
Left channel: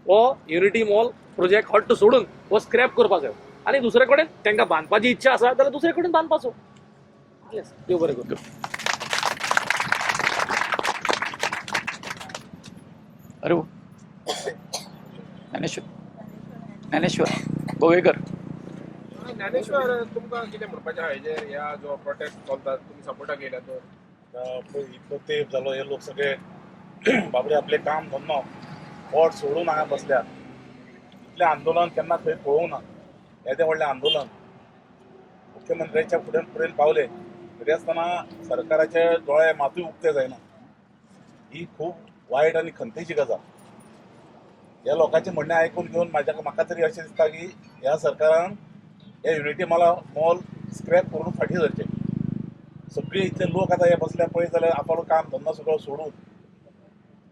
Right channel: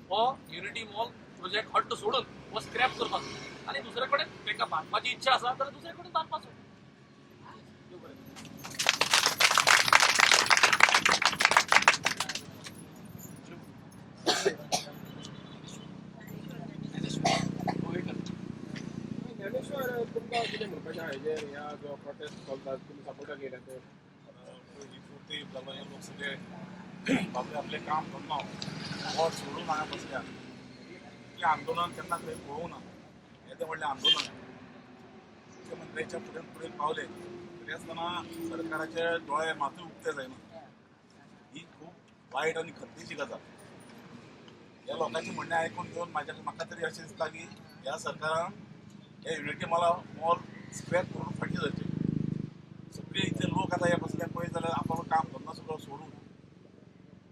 हो युनिटी मॉल प्रोजेक्ट हट्ट सोडून हो स्क्रॅप करपाक जाय आनी दुसरे कडेन तांकां बांदपाची इच्छा आसा जाल्यार दुसरे कडेन बांदपाचो. देव बरें करूं. अरे ज्ञानेश्वर गोवेकर. ज्ञानेश्वर तुमकां कितें म्हणपाचें आहा हेजेर ह्या जो प्रोटेस्ट चलता तुमी सपोर्टाक येयला तो इतलो तेंप जालो हे लोक सगळे बाबडे आपले काम धंदो वोट सोडून हांगा बसल्यात. इतलें आंदोलन केन्ना खंय पळोवंक ना. येदें व्हडलें आंदोलन मुख्यमंत्र्याच्या फुडें पावले तरी आसतना सरकाराचे दोळे मातूय उक्ते जायना. ही खूब वायट आनी खंतेची गजाल. ह्या लोकांचें म्हणणें आयकून घेवन म्हाका तरी अशें दिसता की ह्या सरकारान हे युनिटी मॉल स्क्रॅप करून फाटीं धरचें. सगळे इतले लोक आतां हे बसले पळयत जाल्यार आपलो काम धंदो सगळो सोडून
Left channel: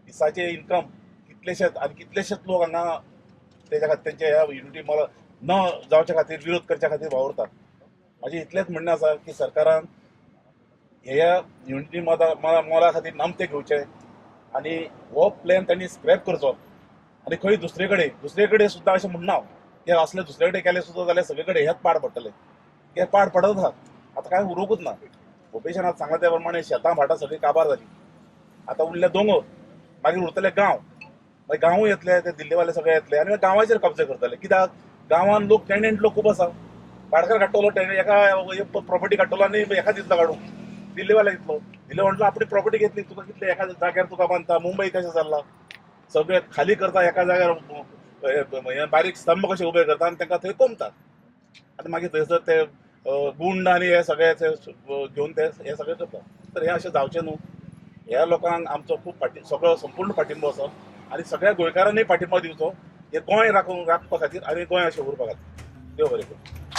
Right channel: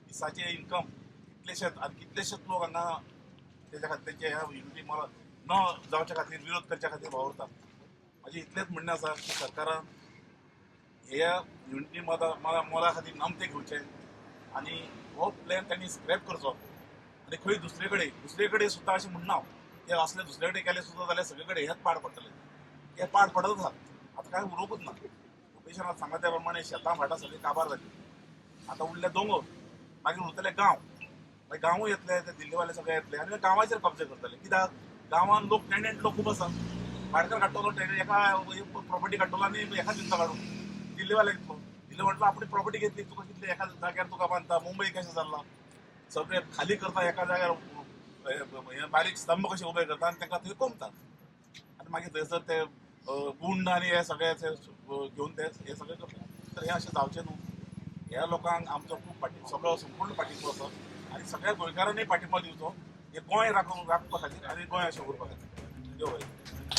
दिसाचे इन्कम कितलेशेच लोक हांगा तेंचे ह्या युनिटी मॉल न जावचे खातीर विरोध करच्या खातीर वावरतात. म्हाजें इतलेंच म्हणणें आसा की सरकारान ह्या युनिटी मॉला खातीर नामते घेवचे आनी हो प्लॅन तांणी स्क्रॅप करचो आनी खंय दुसरे कडेन सुद्दां अशें म्हणना की असले दुसरे कडेन केले सुद्दां जाल्यार सगळे कडेन हेच पाड पडटले. हे पाड पडत आहात. आतां कांय उरोवंकूच ना. ओपेशनात सांगला त्या प्रमाणे शेतां भाटां सगळी काबार जाली. आतां उरले दोंगर मागीर उरतले गांव. मागीर गांवूय येतले ते दिल्लीवाले सगळे येतले आनी गांवाचेर कब्जा करतले. कित्याक गांवान लोक टेनंट लोक खूब आसा. भाटकार काडटलो एका प्रॉपर्टी काडटलो आनी एका दिता काडून दिल्लीवाले घेतलो. दिल्ली म्हटलं आपली प्रॉपर्टी घेतली तुका कितले एका जाग्यार तुका बांदता. मुंबई कशें जाल्ला सगळे खाली करता एका जाग्यार बारीक स्तंभ कशे उबे करता आनी तांकां थंय कोंबतात आनी मागीर थंयसर ते गुंड आनी हे सगळे घेवन ते हे सगळे करतात. तर हे अशें जावचें न्हू. ह्या लोकांक आमचो खूब सगळो संपूर्ण पाठिंबो आसा आनी सगळ्या गोंयकारांनी पाठिंबो दिवचो हे गोंय राखपा खातीर आनी गोंय अशें उरपा खातीर. देव बरें करूं.